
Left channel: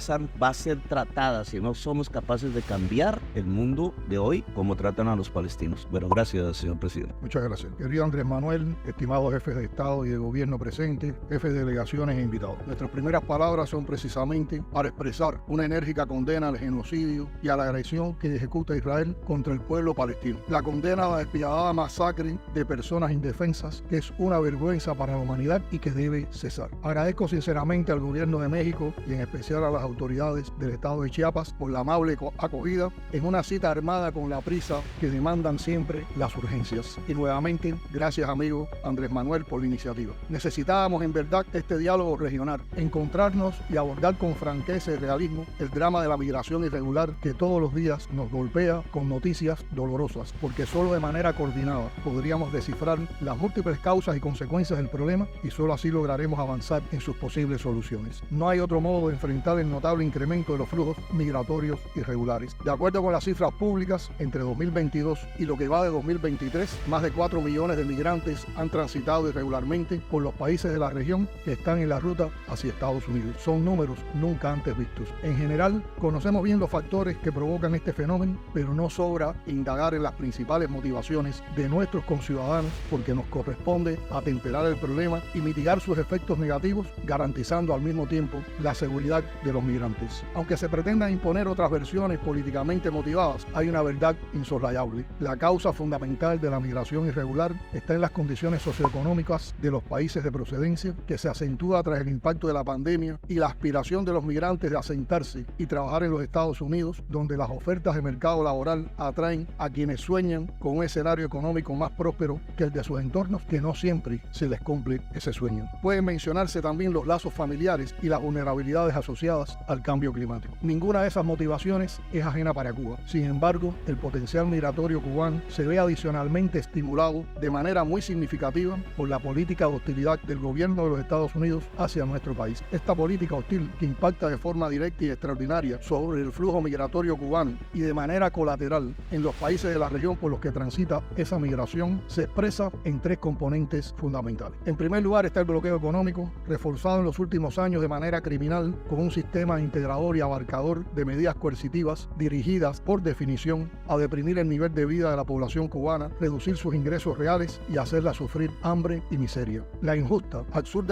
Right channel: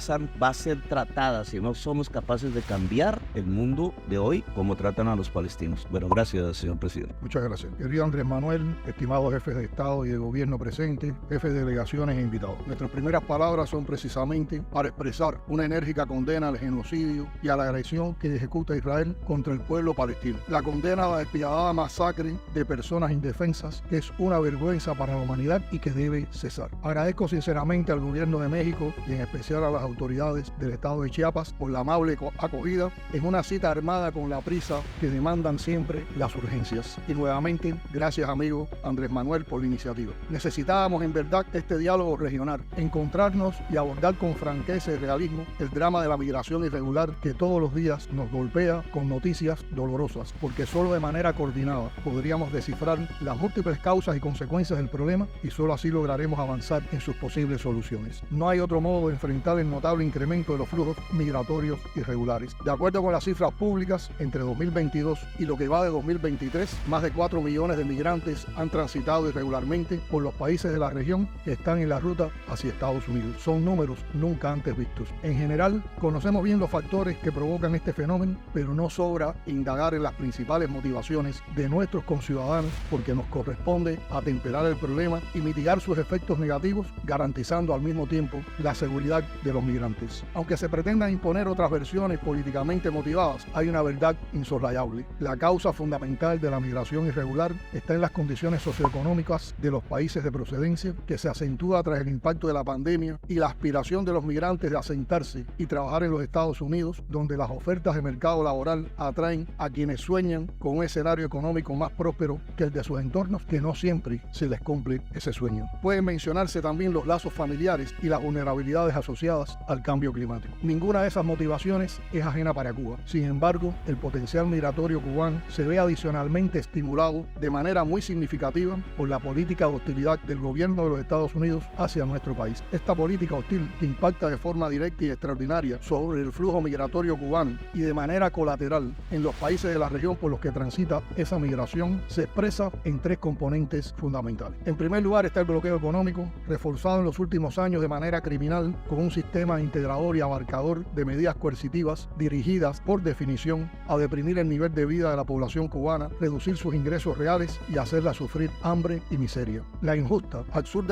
a ser tratada si no somos capaces de cambiar el mundo de hoy como tratan a los palestinos. Bueno, gracias, señor presidente. Muchas gracias. Querido Andrés Manuel, estimados jefes de Estado y de Gobierno presentes, jefes de delegaciones e invitados. Nuestras primeras palabras son precisamente para expresar una enérgica condena al genocidio y a la agresión que ejecuta Israel contra el pueblo palestino. La condena a la despiadada masacre de personas indefensas, que es una vergüenza para la humanidad y que debe cesar. Agradezco sinceramente al Gobierno de México y en especial a las autoridades del estado de Chiapas por la amable acogida en una cita armada con la prisa que demandan siempre las urgencias. Y nuevamente, gracias amigo Andrés Manuel por la iniciativa. Necesitábamos en verdad este diálogo regional, encontrarnos y abordar con franqueza y realismo el drama de la migración irregular que todos los días nos golpea con noticias dolorosas, porque solo de manera coordinada podríamos descifrar las múltiples causas y consecuencias del problema, y solo así lograremos avanzar en sus posibles soluciones. No hay otro modo de enfrentar el notable incremento de los flujos migratorios irregulares. De acuerdo con las cifras públicas, entre 2022 y lo que va de 2023, más de 4 millones de migrantes han transitado irregularmente por los países de la región, están en la ruta hacia Estados Unidos. Son números nunca antes vistos. En general, conocemos bien los factores que provocan este fenómeno, pero no sobra indagar en las principales motivaciones de nuestros conciudadanos, porque nos corresponde atemperar el problema y mitigar sus efectos negativos, garantizando al mismo tiempo la seguridad de los migrantes. Aunque se pretendan imponer otras versiones políticamente motivadas, hay una verdad insoslayable. La causa fundamental de la migración irregular está en las condiciones socioeconómicas de los países de procedencia, que se acentúa tras el impacto de la pandemia y la aspiración de los migrantes de asentarse y trabajar en los Estados Unidos, donde las ofertas de mercado laboral atraen a quienes sueñan con un escenario económico más próspero que el de sus entornos, que no siempre se les cumple ese sueño. Pueden mencionarse también los lazos familiares y las vulnerabilidades asociadas al cambio climático. Ninguna de esas motivaciones es ajena para Cuba. Sin embargo, el potencial migratorio cubano se ve adicionalmente estimulado de manera muy significativa por la política de hostilidad del gobierno de los Estados Unidos hacia nuestro país. Esta política Ortiz, que impacta de forma directa y extraordinaria sobre el flujo migratorio cubano y de manera colateral en los países de la región por los que transita esa migración, se expresa en tres componentes fundamentales. En primer lugar está el bloqueo económico, reforzado en los últimos años de manera criminal con un sistema integrador y abarcador de medidas coercitivas dirigidas, por definición, a deprimir el nivel de vida de la población cubana, reducir sus ingresos reales y hacerla sufrir hambre y miseria. La injusta, absurda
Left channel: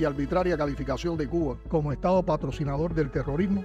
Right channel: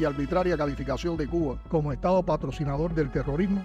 y arbitraria calificación de Cuba como Estado patrocinador del terrorismo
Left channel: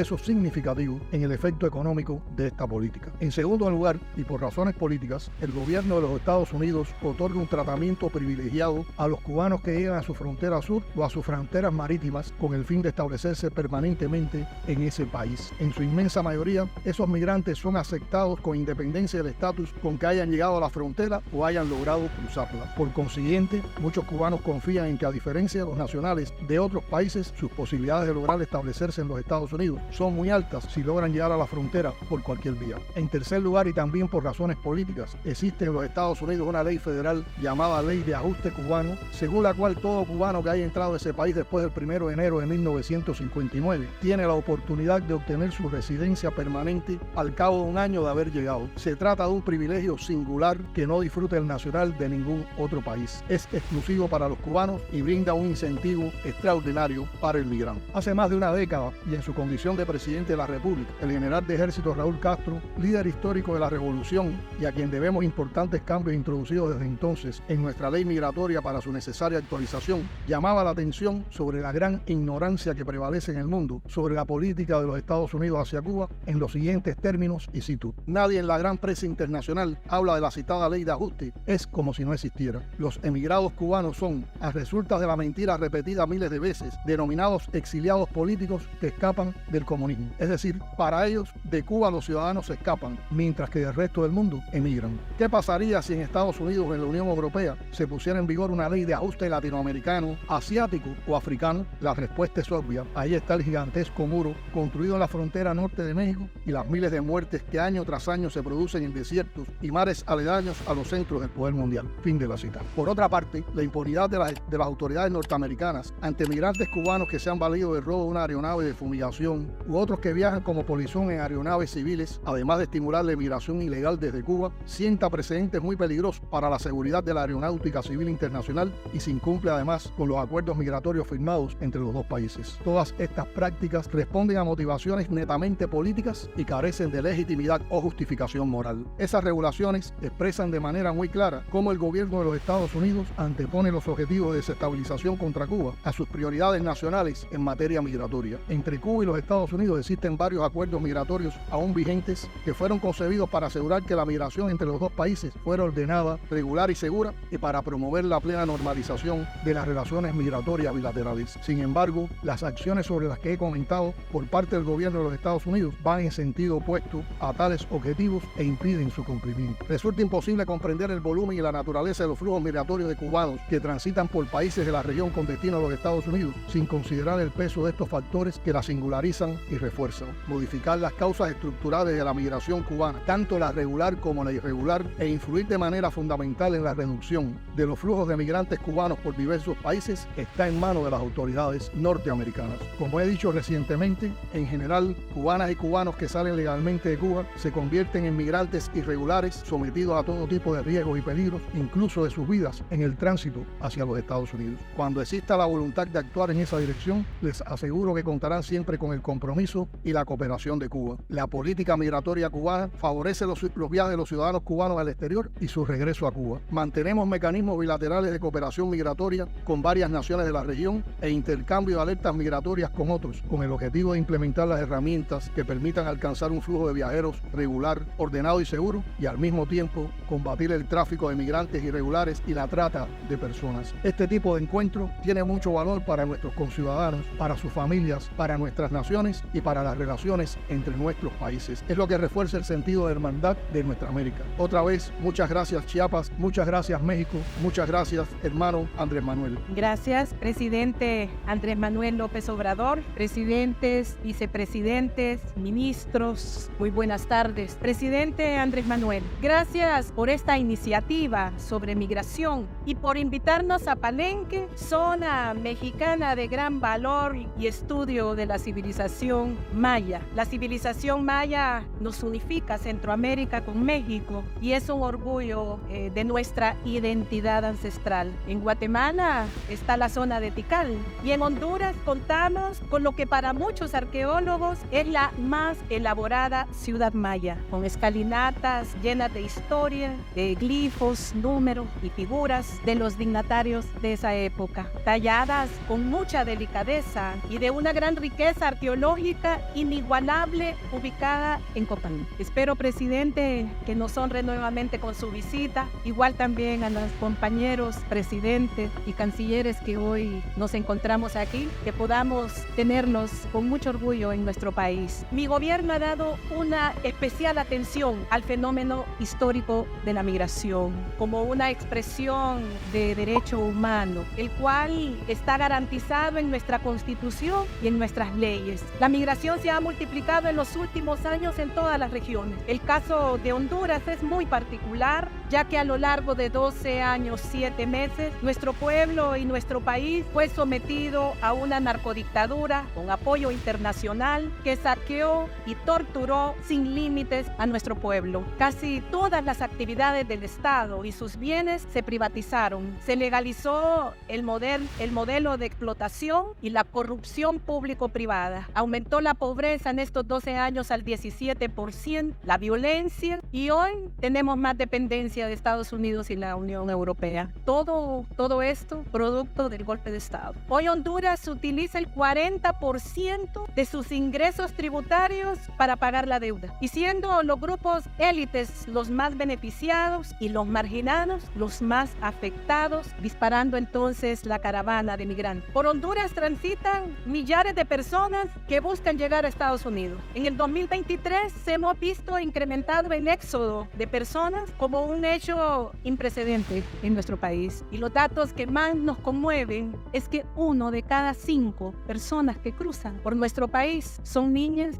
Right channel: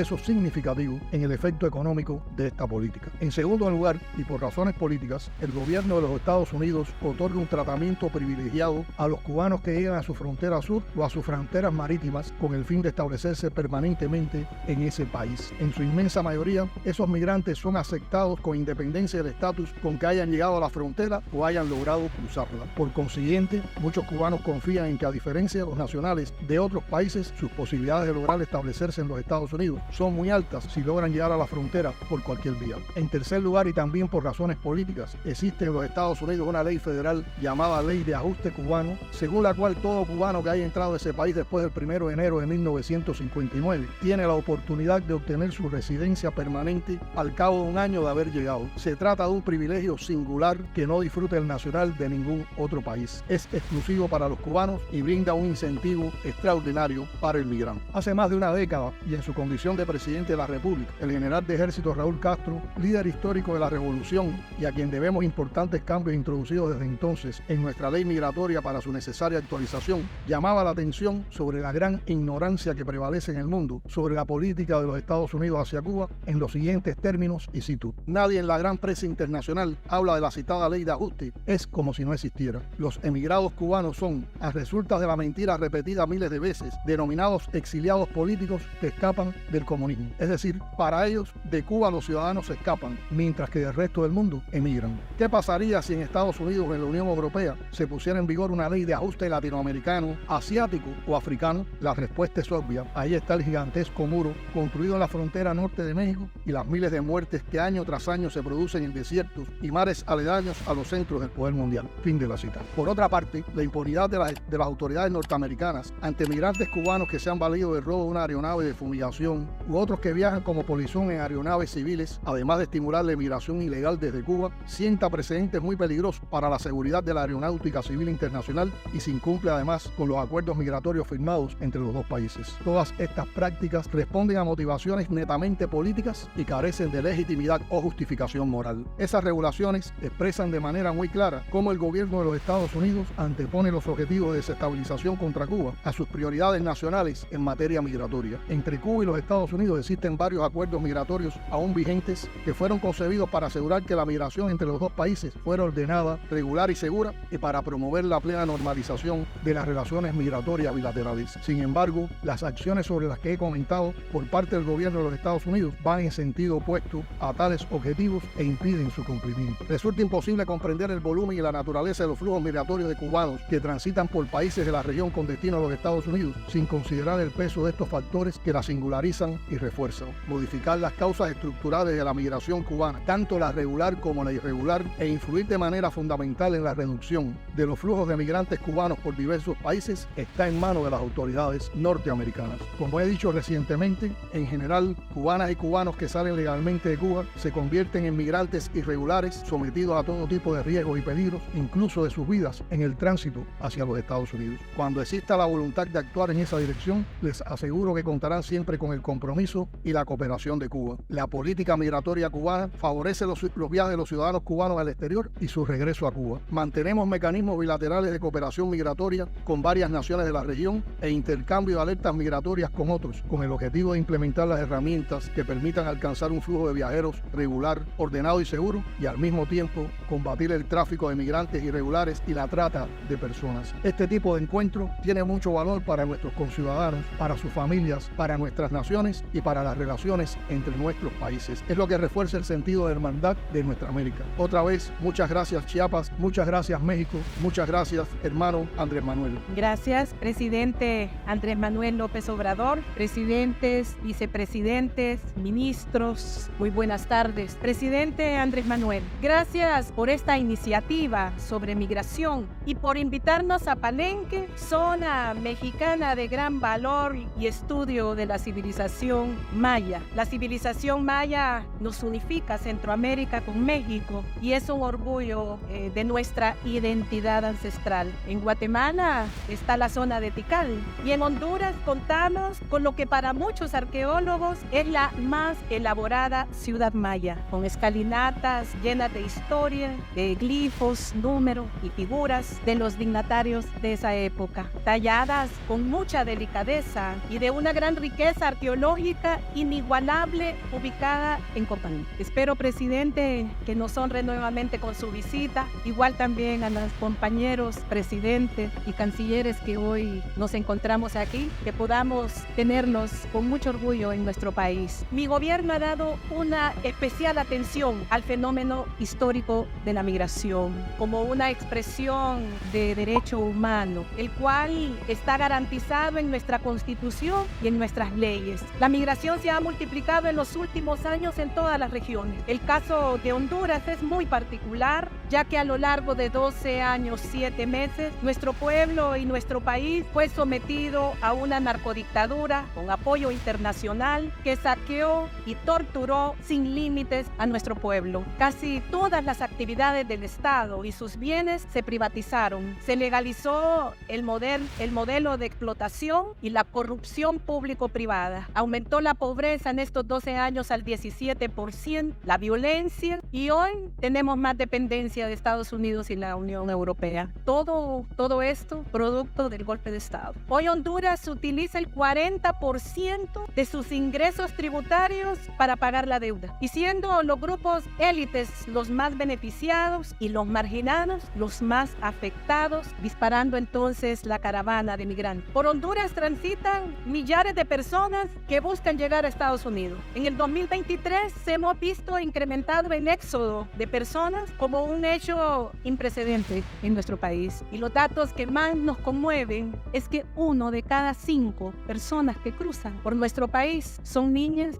es significativo en el efecto económico de esta política. En segundo lugar, y por razones políticas, el gobierno de los Estados Unidos otorga un tratamiento privilegiado a los cubanos que llegan a su frontera sur o a sus fronteras marítimas con el fin de establecerse permanentemente en ese país. En su inmensa mayoría, esos migrantes son aceptados con independencia del estatus con que hayan llegado a la frontera o hayan logrado cruzarla. Por consiguiente, muchos cubanos confían en que, a diferencia de los nacionales de otros países, sus posibilidades de lograr establecerse en los Estados Unidos son muy altas si logran llegar a la frontera por cualquier vía. En tercer lugar, y también por razones políticas, existe en los Estados Unidos una ley federal llamada Ley de Ajuste Cubano, según la cual todo cubano que haya entrado a ese país después del 1 de enero de 1959 tiene la oportunidad de obtener su residencia permanente al cabo de un año de haber llegado. Se trata de un privilegio singular que no disfruta el nacional de ningún otro país. Es exclusivo para los cubanos y brinda un incentivo extraordinario para el migrante. Hace más de una década, y en su condición de presidente de la República, el general de ejército Raúl Castro, líder histórico de la revolución y a quien debemos importantes cambios introducidos desde entonces en nuestra ley migratoria para su necesaria actualización, llamaba la atención sobre la gran ignorancia que prevalece en el mundo sobre la política de los Estados Unidos hacia Cuba en los siguientes términos, y cito: nadie en la gran prensa internacional habla de la citada ley de ajuste, es como si no existiera. Los emigrados cubanos son, a resultas de la mentira repetida miles de veces, denominados exiliados políticos que escapan del comunismo. Es decir, para ellos, de Cuba los ciudadanos escapan, mientras que del resto del mundo emigran. ¿Qué pasaría si en Estados Unidos o en la Unión Europea se pusiera en vigor una ley de ajuste latinoamericano, asiático o africano? La respuesta es obvia. Ahí está el gigantesco muro construido en la frontera norte de México y las miles de muertes que año tras año se producen en desiertos y mares aledaños a los centros del poder mundial. Fin de la cita. Por otra parte, la impunidad de las autoridades norteamericanas ante migrantes cubanos que se han valido del robo de una aeronave de fumigación u otros que viajan como polizones en aeronaves civiles, además de estimular la migración ilegal desde Cuba, sienta precedentes muy peligrosos para la seguridad de la aeronáutica civil internacional y se incumple además con los acuerdos migratorios firmados entre los dos países. Todas estas prácticas responden a motivaciones netamente políticas y carecen de legitimidad o justificación moral. Esas regulaciones expresan de manera muy clara cómo el gobierno de los Estados Unidos antepone los objetivos de desestabilización contra Cuba a sus prioridades nacionales en materia migratoria. Entre Cuba y los Estados Unidos existen varios acuerdos migratorios aún vigentes que fueron concebidos para asegurar que la migración entre los dos países fuera ordenada, regular y segura, y para promover la plena normalización de las relaciones migratorias bilaterales. Sin embargo, las acciones sobre las que he comentado por parte del gobierno de los Estados Unidos van en sentido opuesto a tales objetivos e impiden su cumplimiento. Resulta imposible comprender el volumen y la naturaleza de los flujos migratorios de cubanos que transitan por países de la región con destino a los Estados Unidos sin considerar el peso de estos factores que la singularizan y refuerzan. Modificar las causas estructurales de la migración cubana, tanto la regular como la irregular, e influir de manera fundamental en la reducción de los flujos de migrantes cubanos por diversos países está en manos de las autoridades norteamericanas. Como he dicho recientemente, en general, cubanas y cubanos que salen legalmente de Cuba se convierten en migrantes irregulares sometidos a todo tipo de riesgos y peligros, incluso de sus vidas, en el tránsito hacia los Estados Unidos. Cuando exista la voluntad de actuar en esa dirección, les aseguro que contarán siempre con el compromiso y la cooperación de Cuba. La política migratoria cubana favorece los viajes de los ciudadanos cubanos al exterior y su regreso a Cuba. Mantenemos mecanismos bilaterales de cooperación migratoria con varias naciones de la región e intercambio de alertas migratorias con otros, con el objetivo de implementar las herramientas que permitan alcanzar un flujo de viajeros regular, ordenado y seguro, y al mismo tiempo combatir el tráfico de migrantes irregulares y la trata de personas. Este tipo de encuentro tiene mucho valor para nuestros conciudadanos, para sus familias, para nuestras naciones y para las relaciones entre nuestros países. países. Es lo que refuerza el sentido de hermandad de nuestra América. Otra vez, muchas gracias Chiapas, muchas gracias México, muchas gracias hermano Andrés Manuel. Gracias, presidente Andrés Manuel López Obrador, presidentes, vicepresidentes, ministros, muy buenas tardes. Presidente Andrés Manuel, gracias por esta iniciativa sobre migración y por invitarnos a Palenque, zona mexicana de gran valor y estudio de la civilización maya. La civilización maya nos unifica Centroamérica con México y es un orgullo de nuestra identidad ancestral. En Guatemala está la zona de Tikal y en Honduras contamos con lo que para muchos arqueólogos es la más elaborada ciudad maya, con escalinatas llenas de historia, de glifos, números y figuras de los dignatarios de esa época, talladas con mucha delicadeza y de una gran riqueza arqueológica inigualable ubicada en Copán. Espero, presidente, que nos honre nuevamente con su visita, igual también a los compañeros presidentes y cancilleres que hoy nos encontramos aquí, que podamos tenerlos con mucho orgullo en nuestro país. Mi gobierno ha dado una especial atención al fenómeno histórico de la migración como una expresión de derecho humano, el cual está garantizado en nuestra Constitución y en nuestras leyes. La migración se ha multiplicado en los últimos años en todas las regiones. El caso de Honduras es muy particular, ya que a lo largo de 12 años, 7 meses, nuestro pueblo y nuestro país fue sometido a una narcodictadura con apoyo internacional que saqueó y torturó sin límites a nuestro pueblo. Casi todas las actividades del Estado y sus bienes se privatizaron. Se legalizó el modelo de explotación y la corrupción público-privada. Aumentó la pobreza en estos 12 años al 17%, la violencia, y hoy tenemos más dependencia de Estados Unidos y la Unión Europea. Todo esto producto del golpe de Estado. Hoy Honduras utiliza el 40% de sus ingresos tributarios para pagar la deuda, y siendo los grupos élites los más beneficiados y los marginados los más afectados, disparando entonces la caravana de migrantes. Por Honduras transitan millares de personas que buscan llegar a Estados Unidos. En el 2023 se hemos visto incrementado el éxodo de personas como un hecho imprecedente en nuestro país. Y los datos que más nos conmueven es que 1 de cada 5 personas que cruzan por nuestro país son niños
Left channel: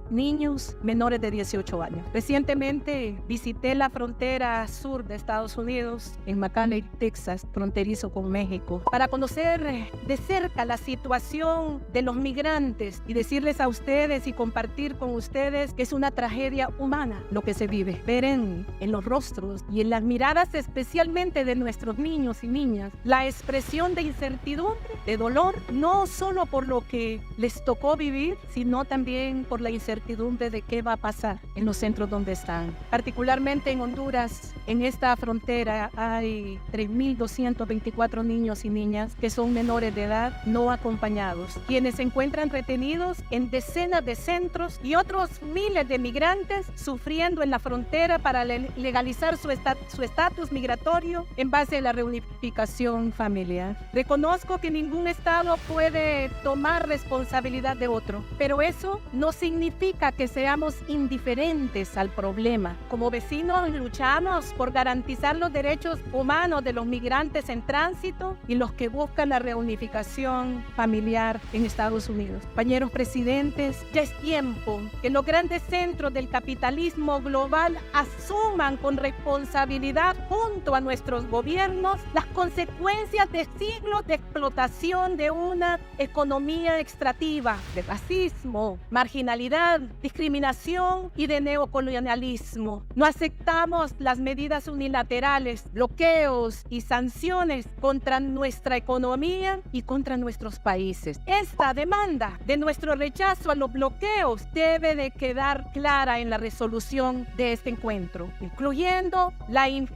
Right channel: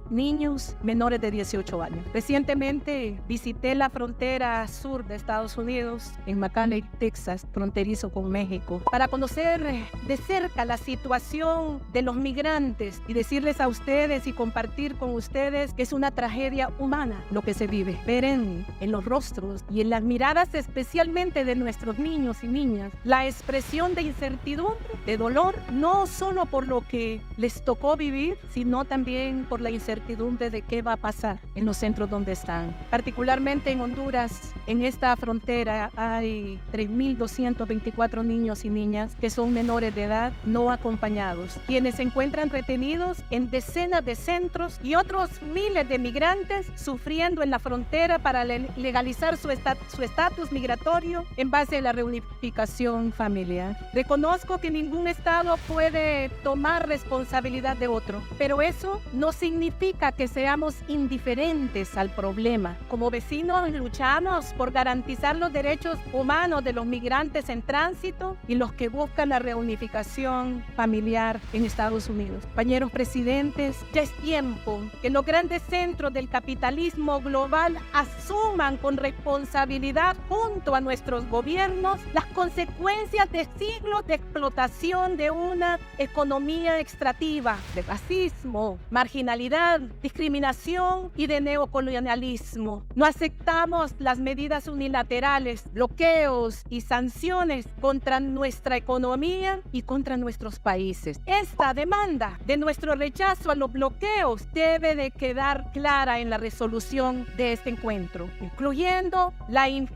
menores de 18 años. Recientemente visité la frontera sur de Estados Unidos, en McAllen, Texas, fronterizo con México, para conocer de cerca la situación de los migrantes y decirles a ustedes y compartir con ustedes que es una tragedia humana lo que se vive. Ver en los rostros y en las miradas especialmente de nuestros niños y niñas la expresión de incertidumbre, de dolor, no solo por lo que les tocó vivir, sino también por la incertidumbre de qué va a pasar en los centros donde están. Particularmente en Honduras, en esta frontera hay 3.224 niños y niñas que son menores de edad no acompañados, quienes se encuentran retenidos en decenas de centros, y otros miles de migrantes sufriendo en la frontera para legalizar su estatus migratorio en base a la reunificación familiar. Reconozco que ningún Estado puede tomar responsabilidad de otro, pero eso no significa que seamos indiferentes al problema. Como vecinos luchamos por garantizar los derechos humanos de los migrantes en tránsito y los que buscan la reunificación familiar en Estados Unidos. Compañeros presidentes, ya es tiempo que los grandes centros del capitalismo global asuman con responsabilidad junto a nuestros gobiernos las consecuencias de siglos de explotación de una economía extractiva, de racismo, marginalidad, discriminación y de neocolonialismo. No aceptamos las medidas unilaterales, bloqueos y sanciones contra nuestra economía y contra nuestros países. Esta demanda de nuestro rechazo a los bloqueos debe de quedar clara en la resolución de este encuentro, incluyendo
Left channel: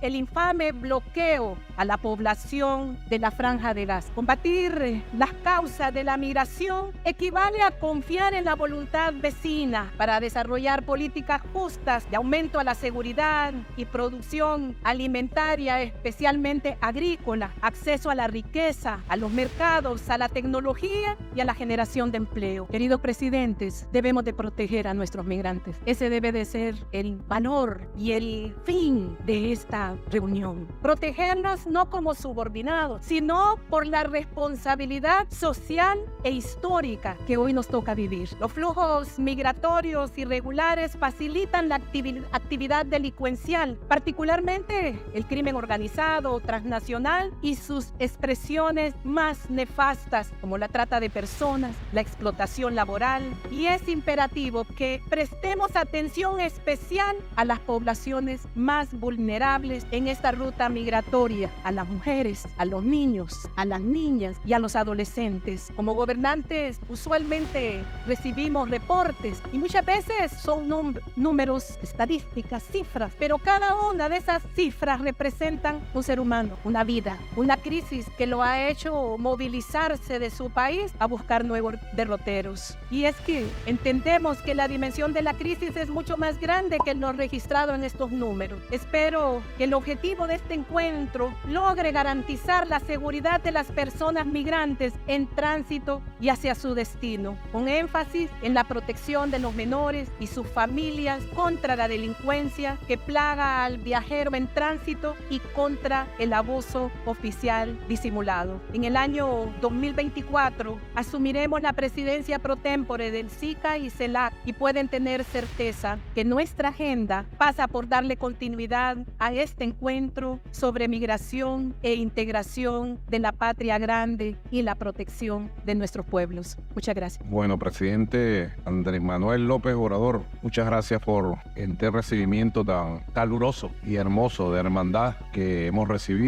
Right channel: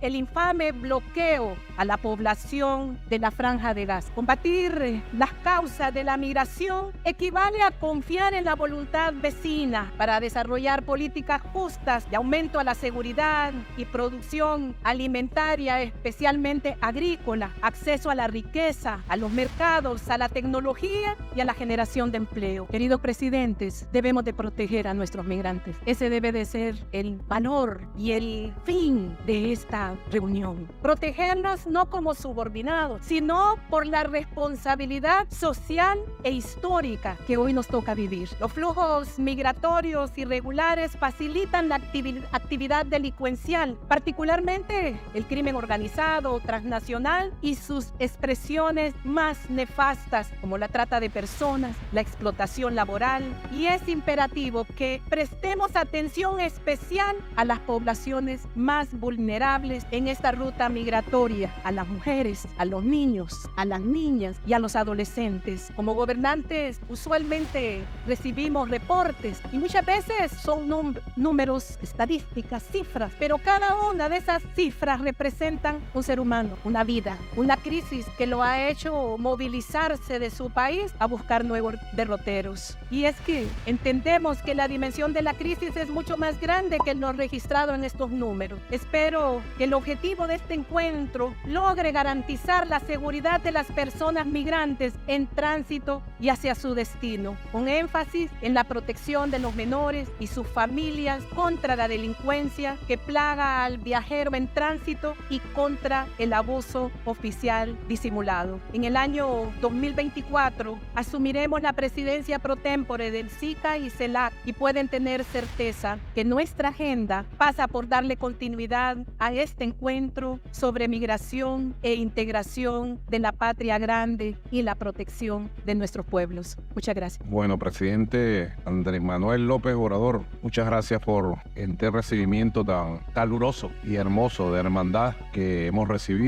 el infame bloqueo a la población de la Franja de Gaza. Combatir las causas de la migración equivale a confiar en la voluntad vecina para desarrollar políticas justas de aumento a la seguridad y producción alimentaria, especialmente agrícola, acceso a la riqueza, a los mercados orientados a la tecnología y a la generación de empleo. Queridos presidentes, debemos de proteger a nuestros migrantes. Ese debe de ser el valor y el fin de esta reunión. Protegerlos no como subordinados, sino por la responsabilidad social e histórica que hoy nos toca vivir. Los flujos migratorios irregulares facilitan la actividad delincuencial, particularmente el crimen organizado, transnacional y sus expresiones más nefastas como la trata de personas, la explotación laboral, y es imperativo que prestemos atención especial a las poblaciones más vulnerables en esta ruta migratoria, a las mujeres, a los niños, a las niñas y a los adolescentes. Como gobernantes usualmente recibimos reportes y muchas veces son números, estadísticas, cifras, pero cada una de esas cifras representan un ser humano, una vida, una crisis que lo ha hecho movilizarse de su país a buscar nuevos derroteros. Y es que entendemos que la dimensión de la crisis es mucho más grande que lo registrado en estos números. Espero que el objetivo de este encuentro logre garantizar la seguridad de las personas migrantes en tránsito y hacia su destino, con énfasis en la protección de los menores y sus familias contra la delincuencia que plaga al viajero en tránsito y contra el abuso oficial disimulado. En el año 2024 asumiremos la presidencia pro tempore del SICA y CELAC, y pueden tener certeza que nuestra agenda pasa por darle continuidad a este encuentro sobre migración e integración de la patria grande y la protección de nuestros pueblos. Muchas gracias. Bueno, presidente Andrés Manuel López Obrador, muchas gracias por este recibimiento tan caluroso y hermoso de hermandad que hemos recibido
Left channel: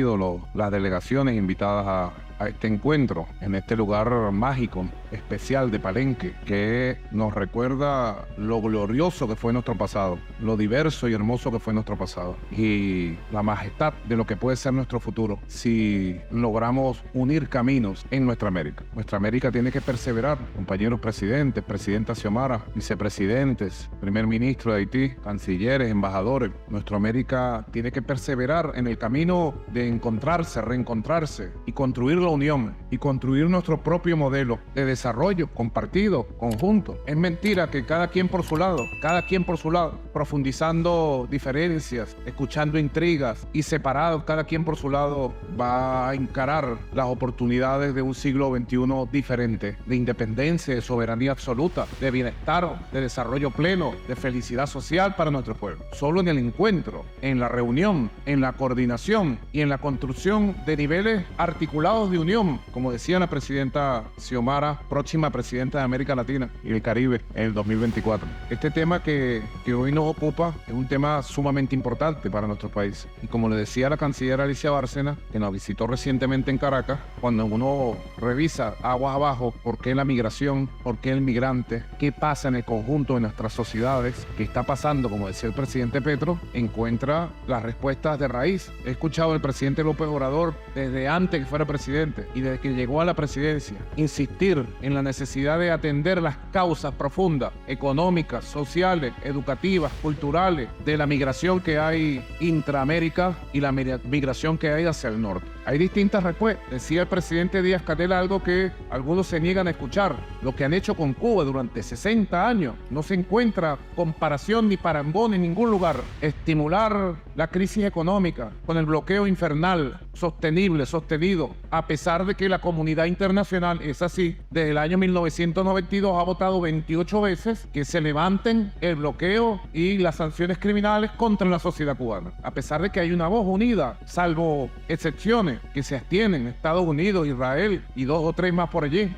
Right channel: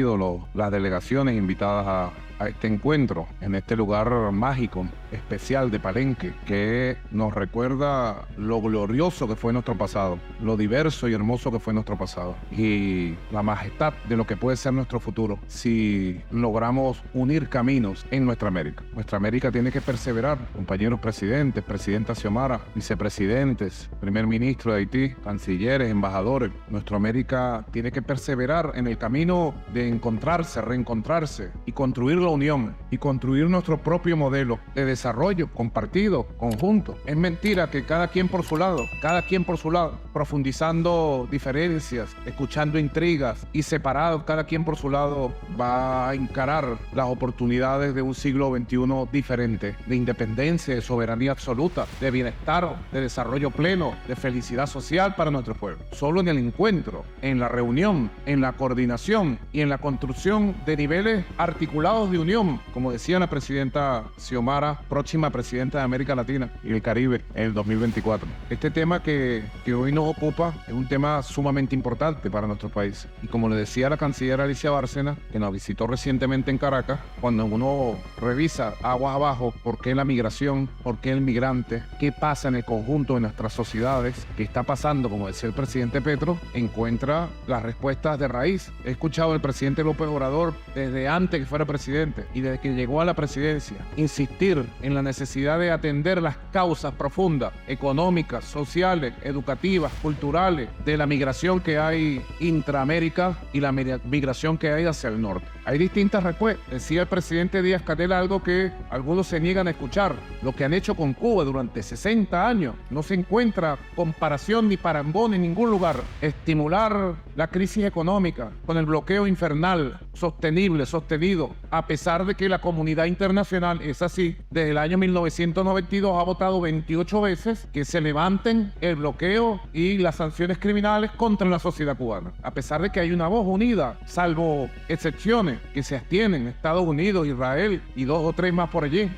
las delegaciones invitadas a este encuentro en este lugar mágico, especial de Palenque, que nos recuerda lo glorioso que fue nuestro pasado, lo diverso y hermoso que fue nuestro pasado y la majestad de lo que puede ser nuestro futuro si logramos unir caminos en nuestra América. Nuestra América tiene que perseverar, compañeros presidentes, presidenta Xiomara, vicepresidentes, primer ministro de Haití, cancilleres, embajadores. Nuestra América tiene que perseverar en el camino de encontrarse, reencontrarse y construir la unión y construir nuestro propio modelo de desarrollo compartido, conjunto. Es mentira que cada quien por su lado, profundizando diferencias, escuchando intrigas y separados, cada quien por su lado va a encarar las oportunidades de un siglo XXI diferente, de independencia, de soberanía absoluta, de bienestar, de desarrollo pleno, de felicidad social para nuestro pueblo. Solo en el encuentro, en la reunión, en la coordinación y en la construcción de niveles articulados de unión, como decía la presidenta Xiomara, próxima presidenta de América Latina y el Caribe en el 2024. Este tema que hoy nos ocupa es un tema sumamente importante para nuestro país. Y como le decía la canciller Alicia Bárcena, que nos visitó recientemente en Caracas, cuando uno revisa aguas abajo por qué la migración, por qué el migrante, qué pasa en el conjunto de nuestras sociedades, qué está pasando, como decía el presidente Petro, encuentra las respuestas de raíz. He escuchado al presidente López Obrador desde antes que fuera presidente y desde que llegó a la presidencia insistir en la necesidad de atender las causas profundas, económicas, sociales, educativas, culturales, de la migración que hay intraamérica y la migración que hay hacia el norte. Hay distintas respuestas. Decía el presidente Díaz-Canel algo que algunos se niegan a escuchar. Lo que han hecho con Cuba durante 60 años no se encuentra comparación ni parangón en ningún lugar. Estimular la crisis económica con el bloqueo infernal, sostenible, sostenido, a pesar de que la comunidad internacional es así. Desde el año 1992 ha votado 28 veces que se levanten el bloqueo y las sanciones criminales contra la sociedad cubana. A pesar de que hay una voz unida, salvo excepciones que se abstienen, Estados Unidos, Israel y 2 o 3 más por allí.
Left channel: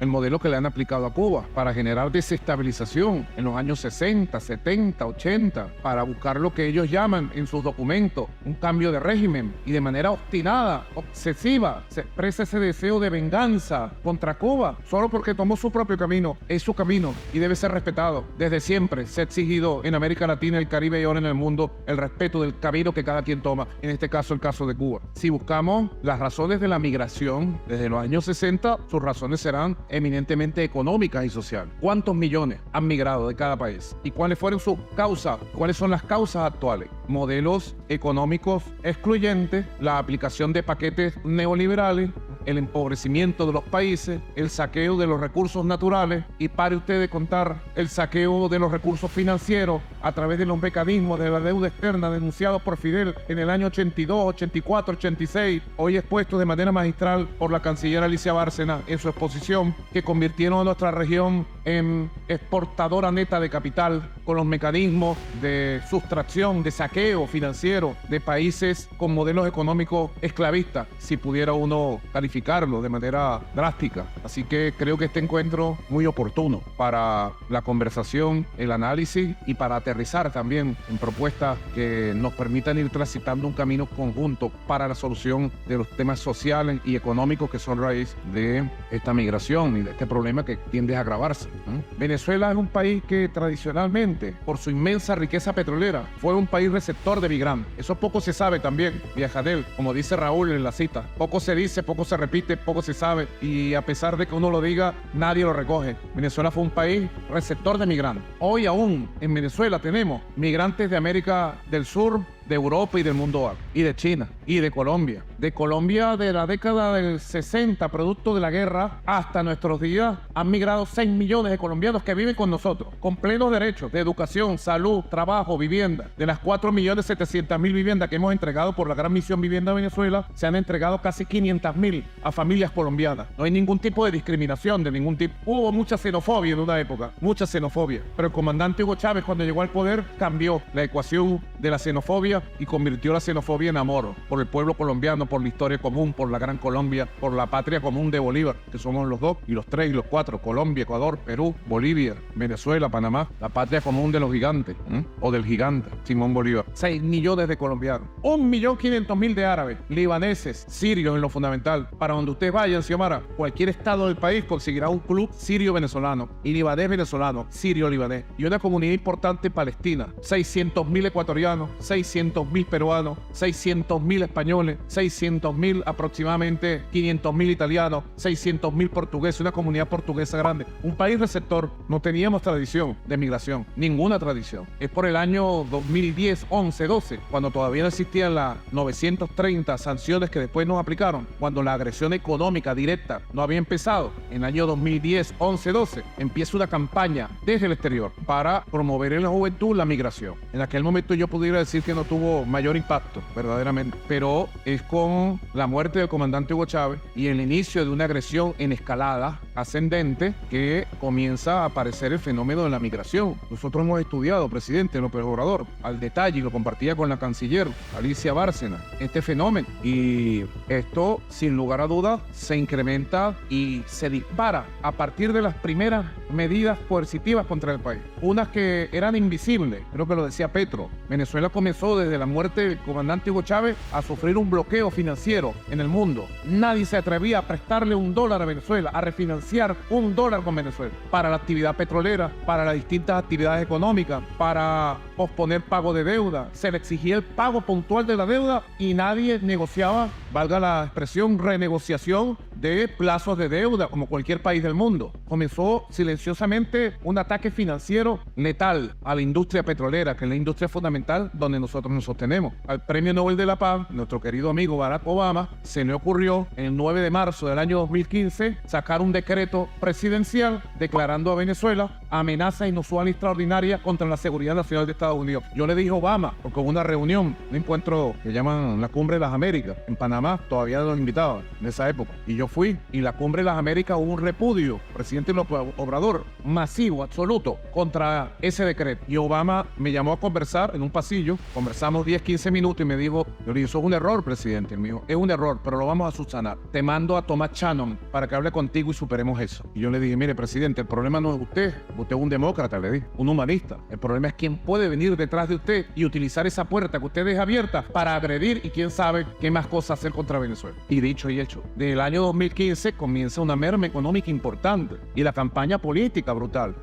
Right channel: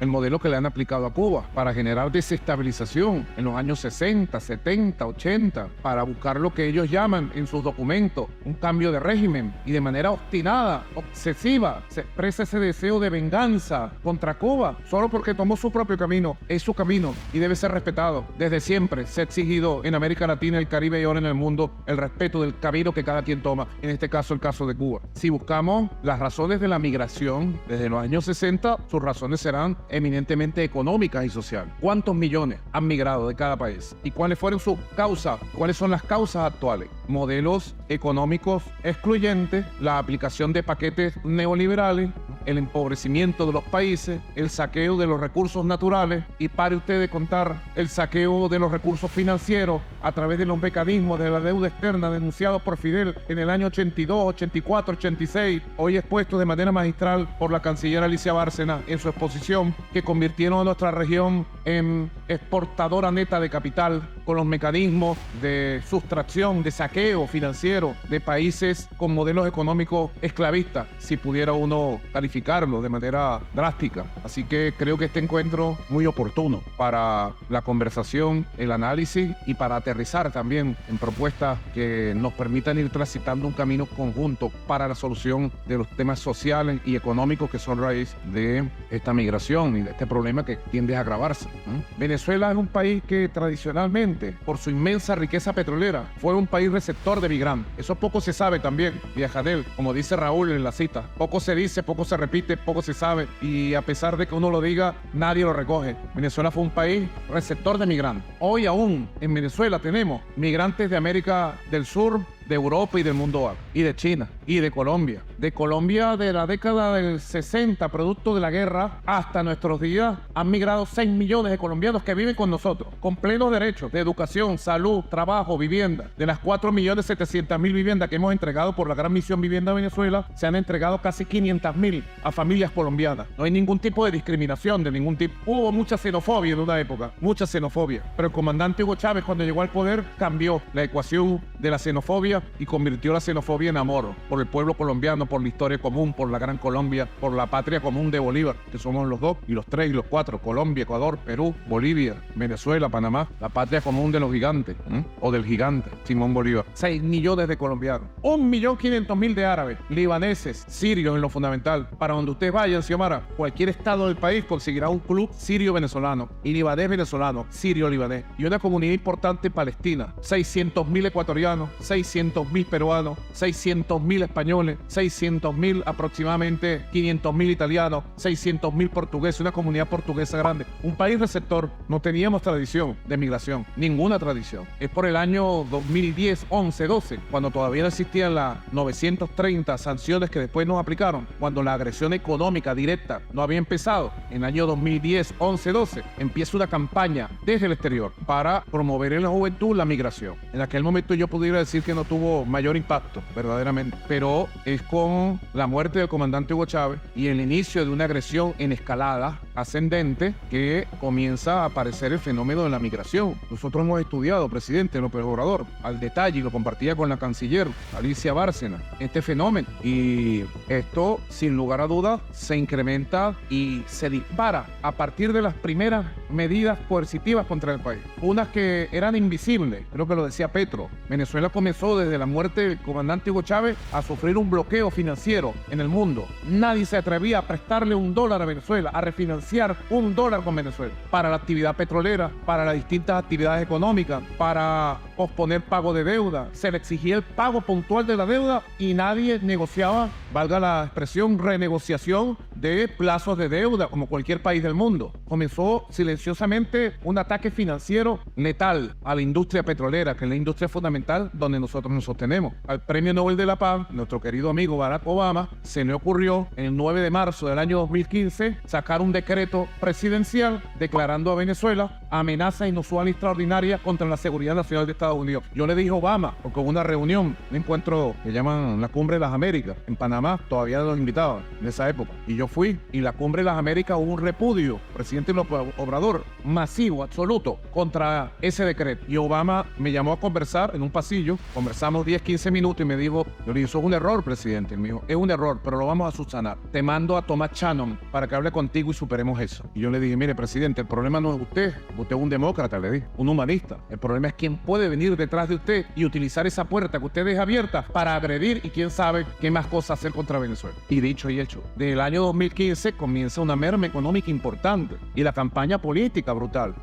El modelo que le han aplicado a Cuba para generar desestabilización en los años 60, 70, 80, para buscar lo que ellos llaman en sus documentos un cambio de régimen, y de manera obstinada, obsesiva, se expresa ese deseo de venganza contra Cuba solo porque tomó su propio camino. Es su camino y debe ser respetado. Desde siempre se ha exigido en América Latina, el Caribe y ahora en el mundo el respeto del camino que cada quien toma, en este caso el caso de Cuba. Si buscamos las razones de la migración desde los años 60, sus razones serán eminentemente económicas y sociales. ¿Cuántos millones han migrado de cada país? ¿Y cuáles fueron sus causas? ¿Cuáles son las causas actuales? Modelos económicos excluyentes, la aplicación de paquetes neoliberales, el empobrecimiento de los países, el saqueo de los recursos naturales y pare usted de contar el saqueo de los recursos financieros a través de los mecanismos de la deuda externa denunciados por Fidel en el año 82, 84, 86, hoy expuesto de manera magistral por la canciller Alicia Bárcena en su exposición, que convirtieron a nuestra región en exportadora neta de capital con los mecanismos de sustracción, de saqueo financiero de países con modelos económicos esclavistas, si pudiera uno calificarlo de manera drástica. Así que creo que este encuentro es muy oportuno para la conversación, el análisis y para aterrizar también en propuestas que nos permitan ir transitando un camino conjunto para la solución de los temas sociales y económicos que son raíz de esta migración y de este problema que tiende a agravarse. Venezuela es un país que tradicionalmente, por su inmensa riqueza petrolera, fue un país receptor de migrantes. Eso poco se sabe también, Viajadel, como dice Raúl en la cita. Poco se dice, poco se repite, poco se sabe, y a pesar de que uno lo diga, nadie lo recoge. Venezuela fue un país receptor de migrantes. Hoy aún en Venezuela tenemos migrantes de América del Sur, de Europa y del mundo árabe. Y de China. Y de Colombia. De Colombia de la década del 60, producto de la guerra, hasta nuestros días, han migrado 6 millones de colombianos que viven con nosotros, con plenos derechos de educación, salud, trabajo, vivienda. De las 4.700.000 viviendas que hemos entregado por la Gran Misión Vivienda Venezuela, se han entregado casi 500.000 a familias colombianas. No hay ningún tipo de discriminación, de ningún tipo. Hubo mucha xenofobia en una época, mucha xenofobia. Pero el comandante Hugo Chávez, cuando llegó al poder, cambió la ecuación de la xenofobia y convirtió la xenofobia en amor por el pueblo colombiano, por la historia común, por la Gran Colombia, por la patria común de Bolívar, que somos los 2 y los 3 y los 4, Colombia, Ecuador, Perú, Bolivia, Venezuela, Panamá, la patria común de los gigantes, o del gigante, Simón Bolívar. 6 millones de colombianos, 1.500.000 de árabes, libaneses, sirios en lo fundamental. Para donde usted vaya, Xiomara, cualquier estado del país conseguirá un club sirio-venezolano, y libanés venezolano, sirio-libanés, y una comunidad importante palestina, 600.000 ecuatorianos, 600.000 peruanos, 600.000 españoles, 600.000 aproximadamente, 500.000 italianos, 600.000 portugueses, una comunidad portuguesa grande. Un país receptor. No teníamos tradición de migración, ninguna tradición. Es por el año 2010, 11, 12, cuando todavía no existían las 930 sanciones que después nos aplicaron, cuando la agresión económica directa no había empezado. En el año 2010, 11, 12, empieza una campaña desde el exterior para promover en la juventud la migración. En aquel momento yo pudiera decir que no tuvo mayor impacto, verdaderamente, pero es con la muerte del comandante Hugo Chávez y el inicio de una agresión en escalada ascendente que comienza a aparecer el fenómeno de la migración. Nosotros hemos estudiado, presidente López Obrador, al detalle, y lo compartía con la canciller Alicia Bárcena, este fenómeno, y esto sin lugar a dudas se incrementa y se dispara a partir de las primeras medidas coercitivas contra el país, unas que eran invisibles. Creo que lo decía Petro. Venezuela comenzó desde la muerte del comandante Hugo Chávez a sufrir un bloqueo financiero en el mundo. Nadie se atrevía a prestarle $1 a Venezuela, a refinanciar $1 con Venezuela para la actividad petrolera, para las distintas actividades económicas, para posponer pago de deuda. Se le exigía el pago puntual de la deuda y nadie negociaba, valga la expresión, renegociación de plazos de deuda como cualquier país del mundo. Comenzó silenciosamente un ataque financiero letal a la industria petrolera, que es la industria fundamental donde nosotros nos sostenemos. Al Premio Nobel de la Paz, nuestro querido amigo Barack Obama, se le ocurrió en el 9 de marzo del año 2015 sacar un decreto presidencial declarando a Venezuela amenaza inusual y extraordinaria contra la seguridad nacional de Estados Unidos. Yo le dije a Obama, porque hubo una reunión, un encuentro que llaman la Cumbre de las Américas en Panamá, todavía los invitaban en esa época, y yo fui, y la Cumbre de las Américas hubo un repudio, presidente López Obrador, masivo, absoluto, contra ese decreto. Y Obama me llamó a conversar en un pasillo, conversamos 10-15 minutos y me dijo, yo le dije, eso es un error, presidente. Él me dijo, es un error, pero lo vamos a subsanar. Te mando a Thomas Shannon para que hable contigo y superemos eso. Y yo le dije, mire, presidente, el problema no es usted es un demócrata, le dije, un humanista. El problema es quién puede venir detrás de usted y utilizar esa puerta que usted deja abierta para agredir y quién sabe qué más cosas hacer contra Venezuela. Y dicho y hecho, desde el año 2015 comienza una merma económica importante y la campaña política brutal.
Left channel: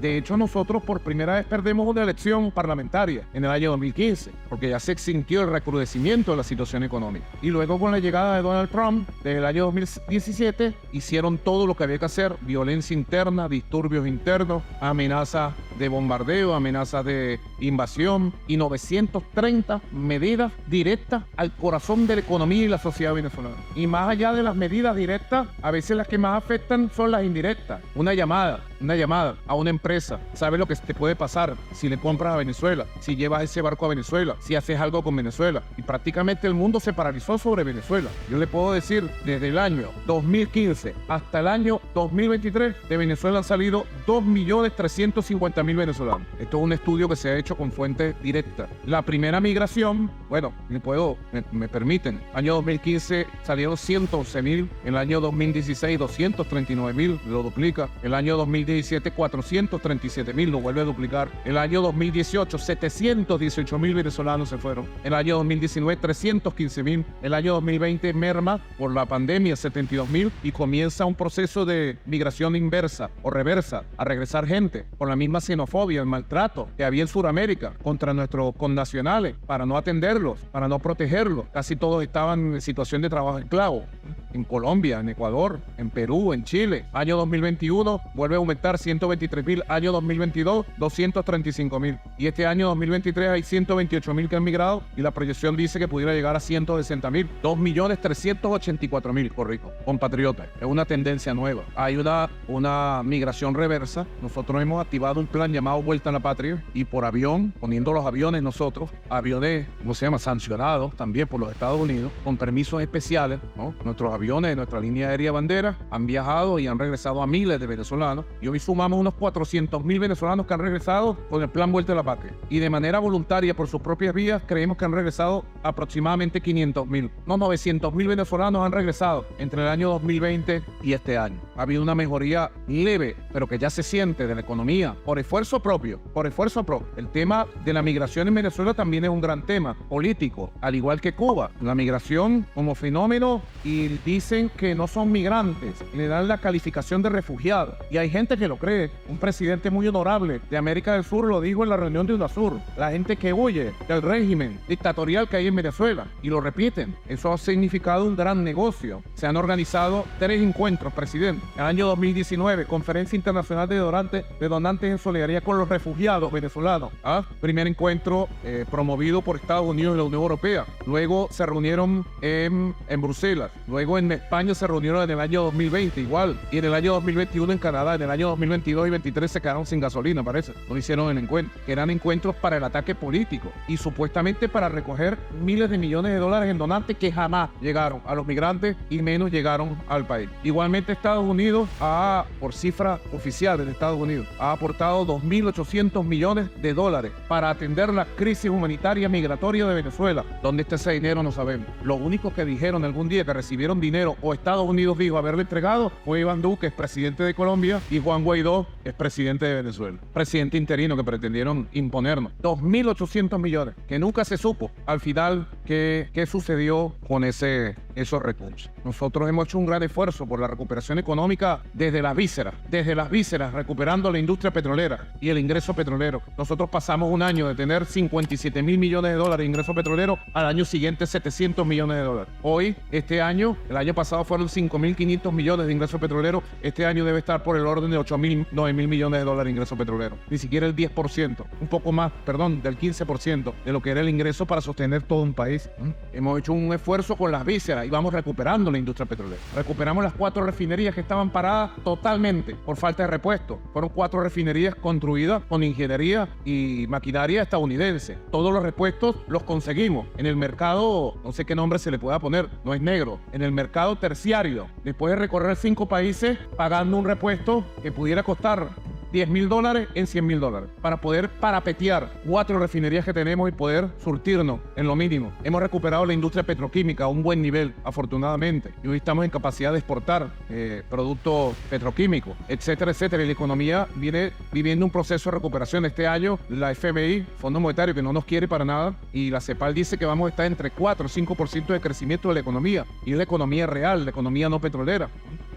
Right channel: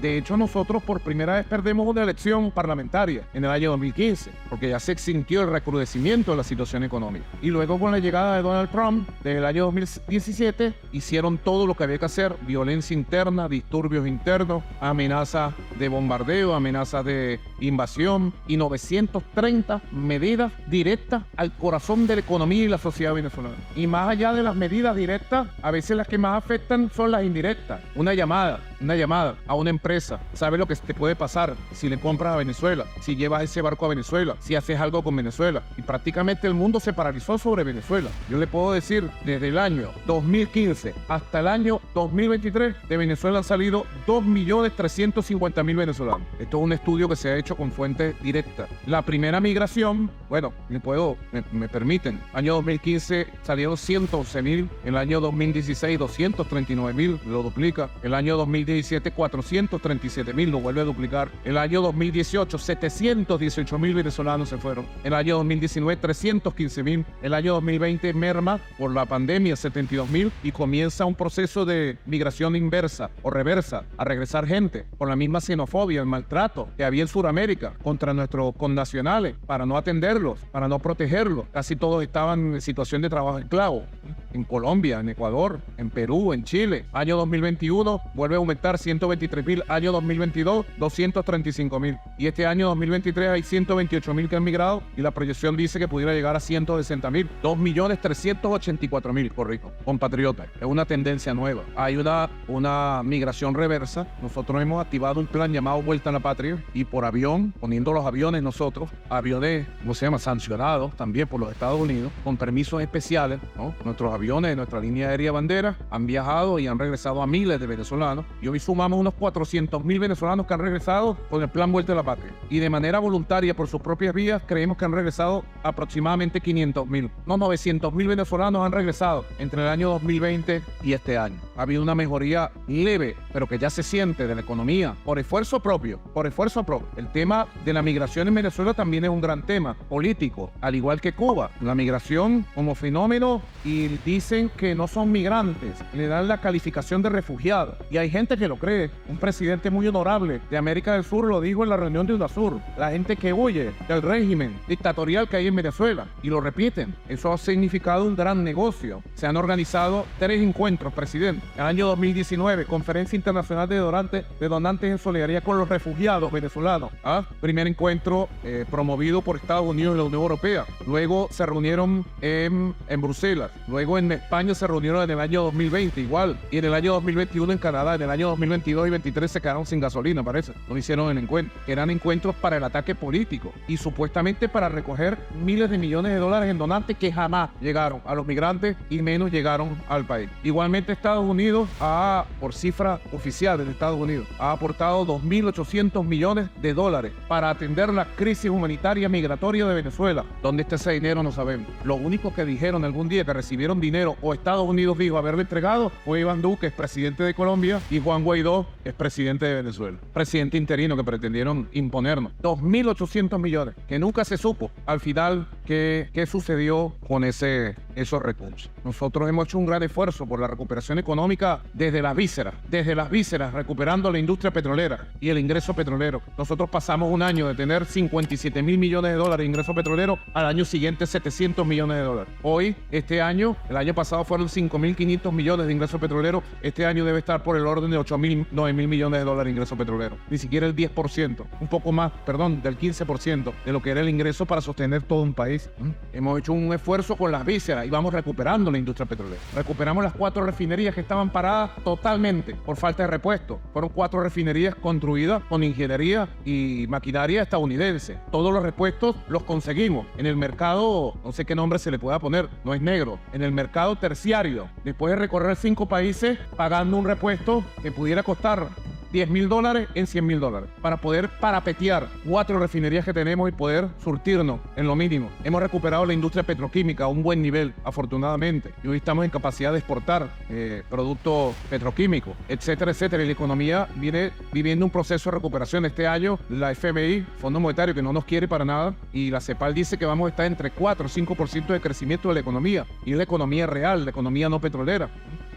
De hecho, nosotros por primera vez perdemos una elección parlamentaria en el año 2015 porque ya se extinguió el recrudecimiento de la situación económica. Y luego con la llegada de Donald Trump, desde el año 2017, hicieron todo lo que había que hacer, violencia interna, disturbios internos, interno, amenazas de bombardeo, amenazas de invasión y 930 medidas directas al corazón de la economía y la sociedad venezolana. Y más allá de las medidas directas, a veces las que más afectan son las indirectas. Una llamada a una empresa. ¿Sabes lo que te puede pasar si le compras a Venezuela? Si llevas ese barco a Venezuela, si haces algo con Venezuela. Y prácticamente el mundo se paralizó sobre Venezuela. Yo le puedo decir, desde el año 2015 hasta el año 2023, de Venezuela han salido 2.350.000 venezolanos. Esto es un estudio que se ha hecho con fuentes directas. La primera migración, bueno, me permiten, año 2015 salieron 111.000, el año 2016 239.000, lo duplica, el año 2017 437.000, lo vuelve a duplicar, el año 2018 718.000 venezolanos se fueron, el año 2019 315.000, el año 2020 merma por la pandemia 72.000 y comienza un proceso de migración inversa o reversa, a regresar gente por la misma xenofobia, el maltrato que había en Sudamérica contra nuestros connacionales, para no atenderlos, para no protegerlos. Casi todos estaban en situación de trabajo esclavo, en Colombia, en Ecuador, en Perú, en Chile. Año 2021 vuelve a aumentar 123.000, año 2022 235.000 y este año 2023 hay 128.000 que han migrado y la proyección dice que pudiera llegar a 160.000, 2.384.000, correcto, compatriotas. Es una tendencia nueva. Hay una migración reversa. Nosotros hemos activado un plan llamado Vuelta a la Patria y por avión, poniendo los aviones nosotros, aviones, ¿cómo se llama?, sancionados también por los Estados Unidos, con permisos especiales, ¿no? Nuestros aviones de nuestra línea aérea bandera han viajado y han regresado a miles de venezolanos. Y hoy sumamos unos 400.000 venezolanos que han regresado con el plan Vuelta a la Patria. Y de manera voluntaria, por sus propias vías, creemos que han regresado aproximadamente 500.000. No, 900.000 venezolanos han regresado entre el año 2020 y este año. Ha habido una mejoría leve, pero que ya se siente de la economía, por esfuerzo propio. El tema de la migración en Venezuela también es un gran tema político, al igual que Cuba. La migración como fenómeno, y dicen que no son migrantes, le dan la calificación de refugiados. Y hay gente que lo cree. Un presidente muy honorable de América del Sur lo dijo en la reunión de UNASUR. La gente que huye del régimen dictatorial que hay en Venezuela, y lo repiten, eso ha significado un gran negocio. Se han organizado 3 encuentros, presidente. En el año 2019, Conferencia Internacional de Donantes en Solidaridad con los Refugiados Venezolanos. Primer encuentro promovido por Estados Unidos y la Unión Europea. Luego se reunieron en Bruselas. Luego en España se reunieron en el año 2020 igual. Y en el año 2021 en Canadá. En el año 2022 y 2023 se quedaron sin gasolina, parece. No hicieron el encuentro. Eran encuentros para el ataque político y supuestamente para recoger miles de millones de dólares en donantes que jamás llegaron a los migrantes y menos llegaron al país. Igualmente Estados Unidos por cifra oficial de Estados Unidos, ha aportado 2.800 millones de dólares para atender la crisis humanitaria migratoria de Venezuela. ¿Dónde está ese dinero? No sabemos. Lo único que dijeron algún día que recibieron dinero, o Estados Unidos dijo haberle entregado, fue Iván Duque, es presidente de Colombia, y Juan Guaidó, es presidente de Venezuela. Presidente interino que pretendieron imponernos. 2.800 millones, que nunca se supo al final qué sucedió con esos recursos. Nosotros hemos hecho un gran esfuerzo por la recuperación económica desde las vísceras, recuperando la industria petrolera y el ingreso petrolero. Nosotros pasamos un año de tener 57.000 millones de dólares de ingreso petrolero, al año siguiente 700 millones de dólares. Hoy, el año pasado fueron 5.500 millones de ingreso petrolero, este año debe estar por el orden de 8.000, 9.000 millones de dólares de ingreso petrolero. Ni siquiera el 10%, un poco más, del 15% de lo que era el ingreso para sostener todo un país. Hemos hecho un esfuerzo con las vísceras y vamos recuperando la industria petrolera. Recuperamos las 4 refinerías que estaban paradas totalmente por falta de repuesto. Fueron 4 refinerías construidas con ingeniería y maquinaria estadounidense. Todos los repuestos los conseguimos en el mercado, no sé qué nombre se le pueda poner, no es negro, en el mercado terciario. Después de recorrer 5 países pagando un repuesto que pudiera costar $10.000 en $100.000 para poder parapetear 4 refinerías que tenemos y poder surtirnos en lo mínimo. Hemos recuperado la industria petroquímica a un buen nivel, afortunadamente, y hoy estamos en capacidad de exportar productos petroquímicos, etcétera, etcétera. Y la economía viene viviendo un proceso de recuperación. Este año la FMI, Fondo Monetario, que no nos quiere para nada, y la CEPAL dice que vamos a estar entre 4 y 5% de crecimiento de la economía, y la economía real, la economía no petrolera.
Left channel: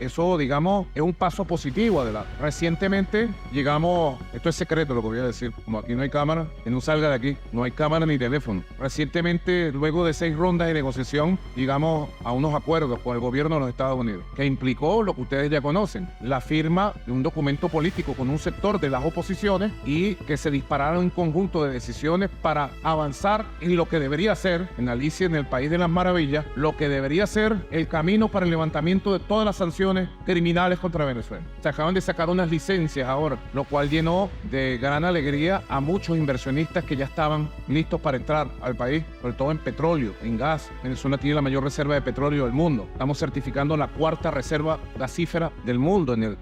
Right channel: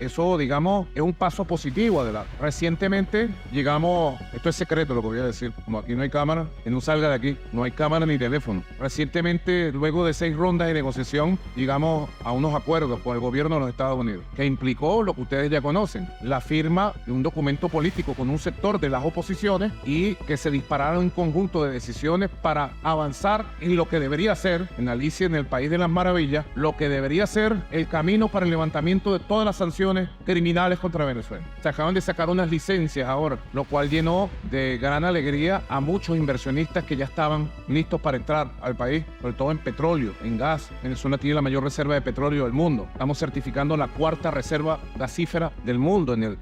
eso, digamos, es un paso positivo adelante. Recientemente llegamos, esto es secreto lo que voy a decir, como aquí no hay cámara, que no salga de aquí, no hay cámara ni teléfono. Recientemente, luego de 6 rondas de negociación, llegamos a unos acuerdos con el gobierno de los Estados Unidos, que implicó lo que ustedes ya conocen, la firma de un documento político con un sector de las oposiciones y que se dispararon un conjunto de decisiones para avanzar en lo que debería ser, en Alicia en el País de las Maravillas, lo que debería ser el camino para el levantamiento de todas las sanciones criminales contra Venezuela. Se acaban de sacar unas licencias ahora, lo cual llenó de gran alegría a muchos inversionistas que ya estaban listos para entrar al país, sobre todo en petróleo, en gas. Venezuela tiene la mayor reserva de petróleo del mundo. Estamos certificando la 4ª reserva gasífera del mundo en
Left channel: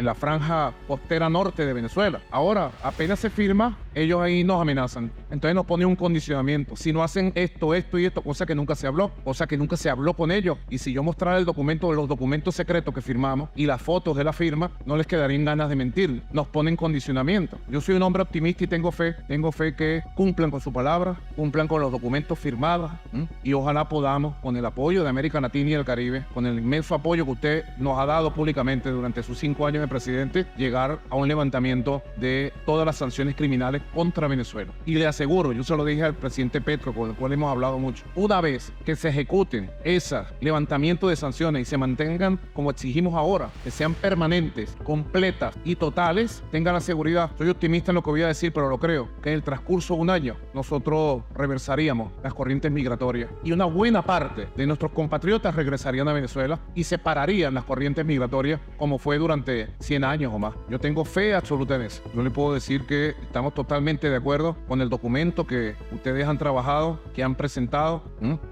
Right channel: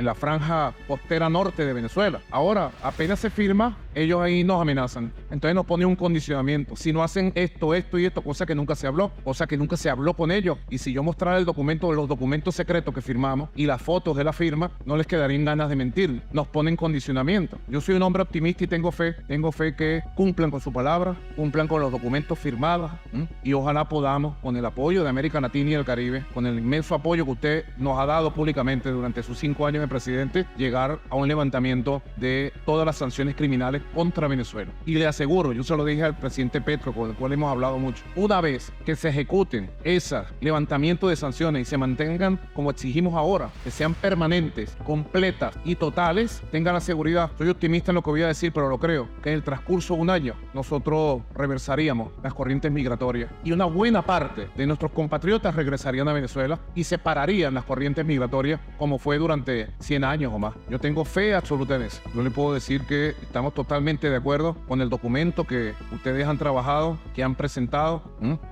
la franja costera norte de Venezuela. Ahora, apenas se firma, ellos ahí nos amenazan. Entonces nos ponen un condicionamiento. Si no hacen esto y esto, cosa que nunca se habló con ellos. Y si yo mostrara el documento, los documentos secretos que firmamos y las fotos de la firma, no les quedarían ganas de mentir. Nos ponen condicionamiento. Yo soy un hombre optimista y tengo fe que cumplan con su palabra, cumplan con los documentos firmados, y ojalá podamos, con el apoyo de América Latina y el Caribe, con el inmenso apoyo que usted nos ha dado públicamente durante sus 5 años de presidente, llegar a un levantamiento de todas las sanciones criminales contra Venezuela. Y le aseguro, yo se lo dije al presidente Petro, con el cual hemos hablado mucho, una vez que se ejecuten ese levantamiento de sanciones y se mantengan como exigimos ahora, que sean permanentes, completas y totales, tengan la seguridad, estoy optimista en lo que voy a decir, pero lo creo, que en el transcurso de un año nosotros reversaríamos las corrientes migratorias y una buena parte de nuestros compatriotas regresarían a Venezuela y separarían las corrientes migratorias como fue durante 100 años o más. Yo tengo fe absoluta en eso. No le puedo decir que estamos totalmente de acuerdo con el documento que ustedes han trabajado, que han presentado.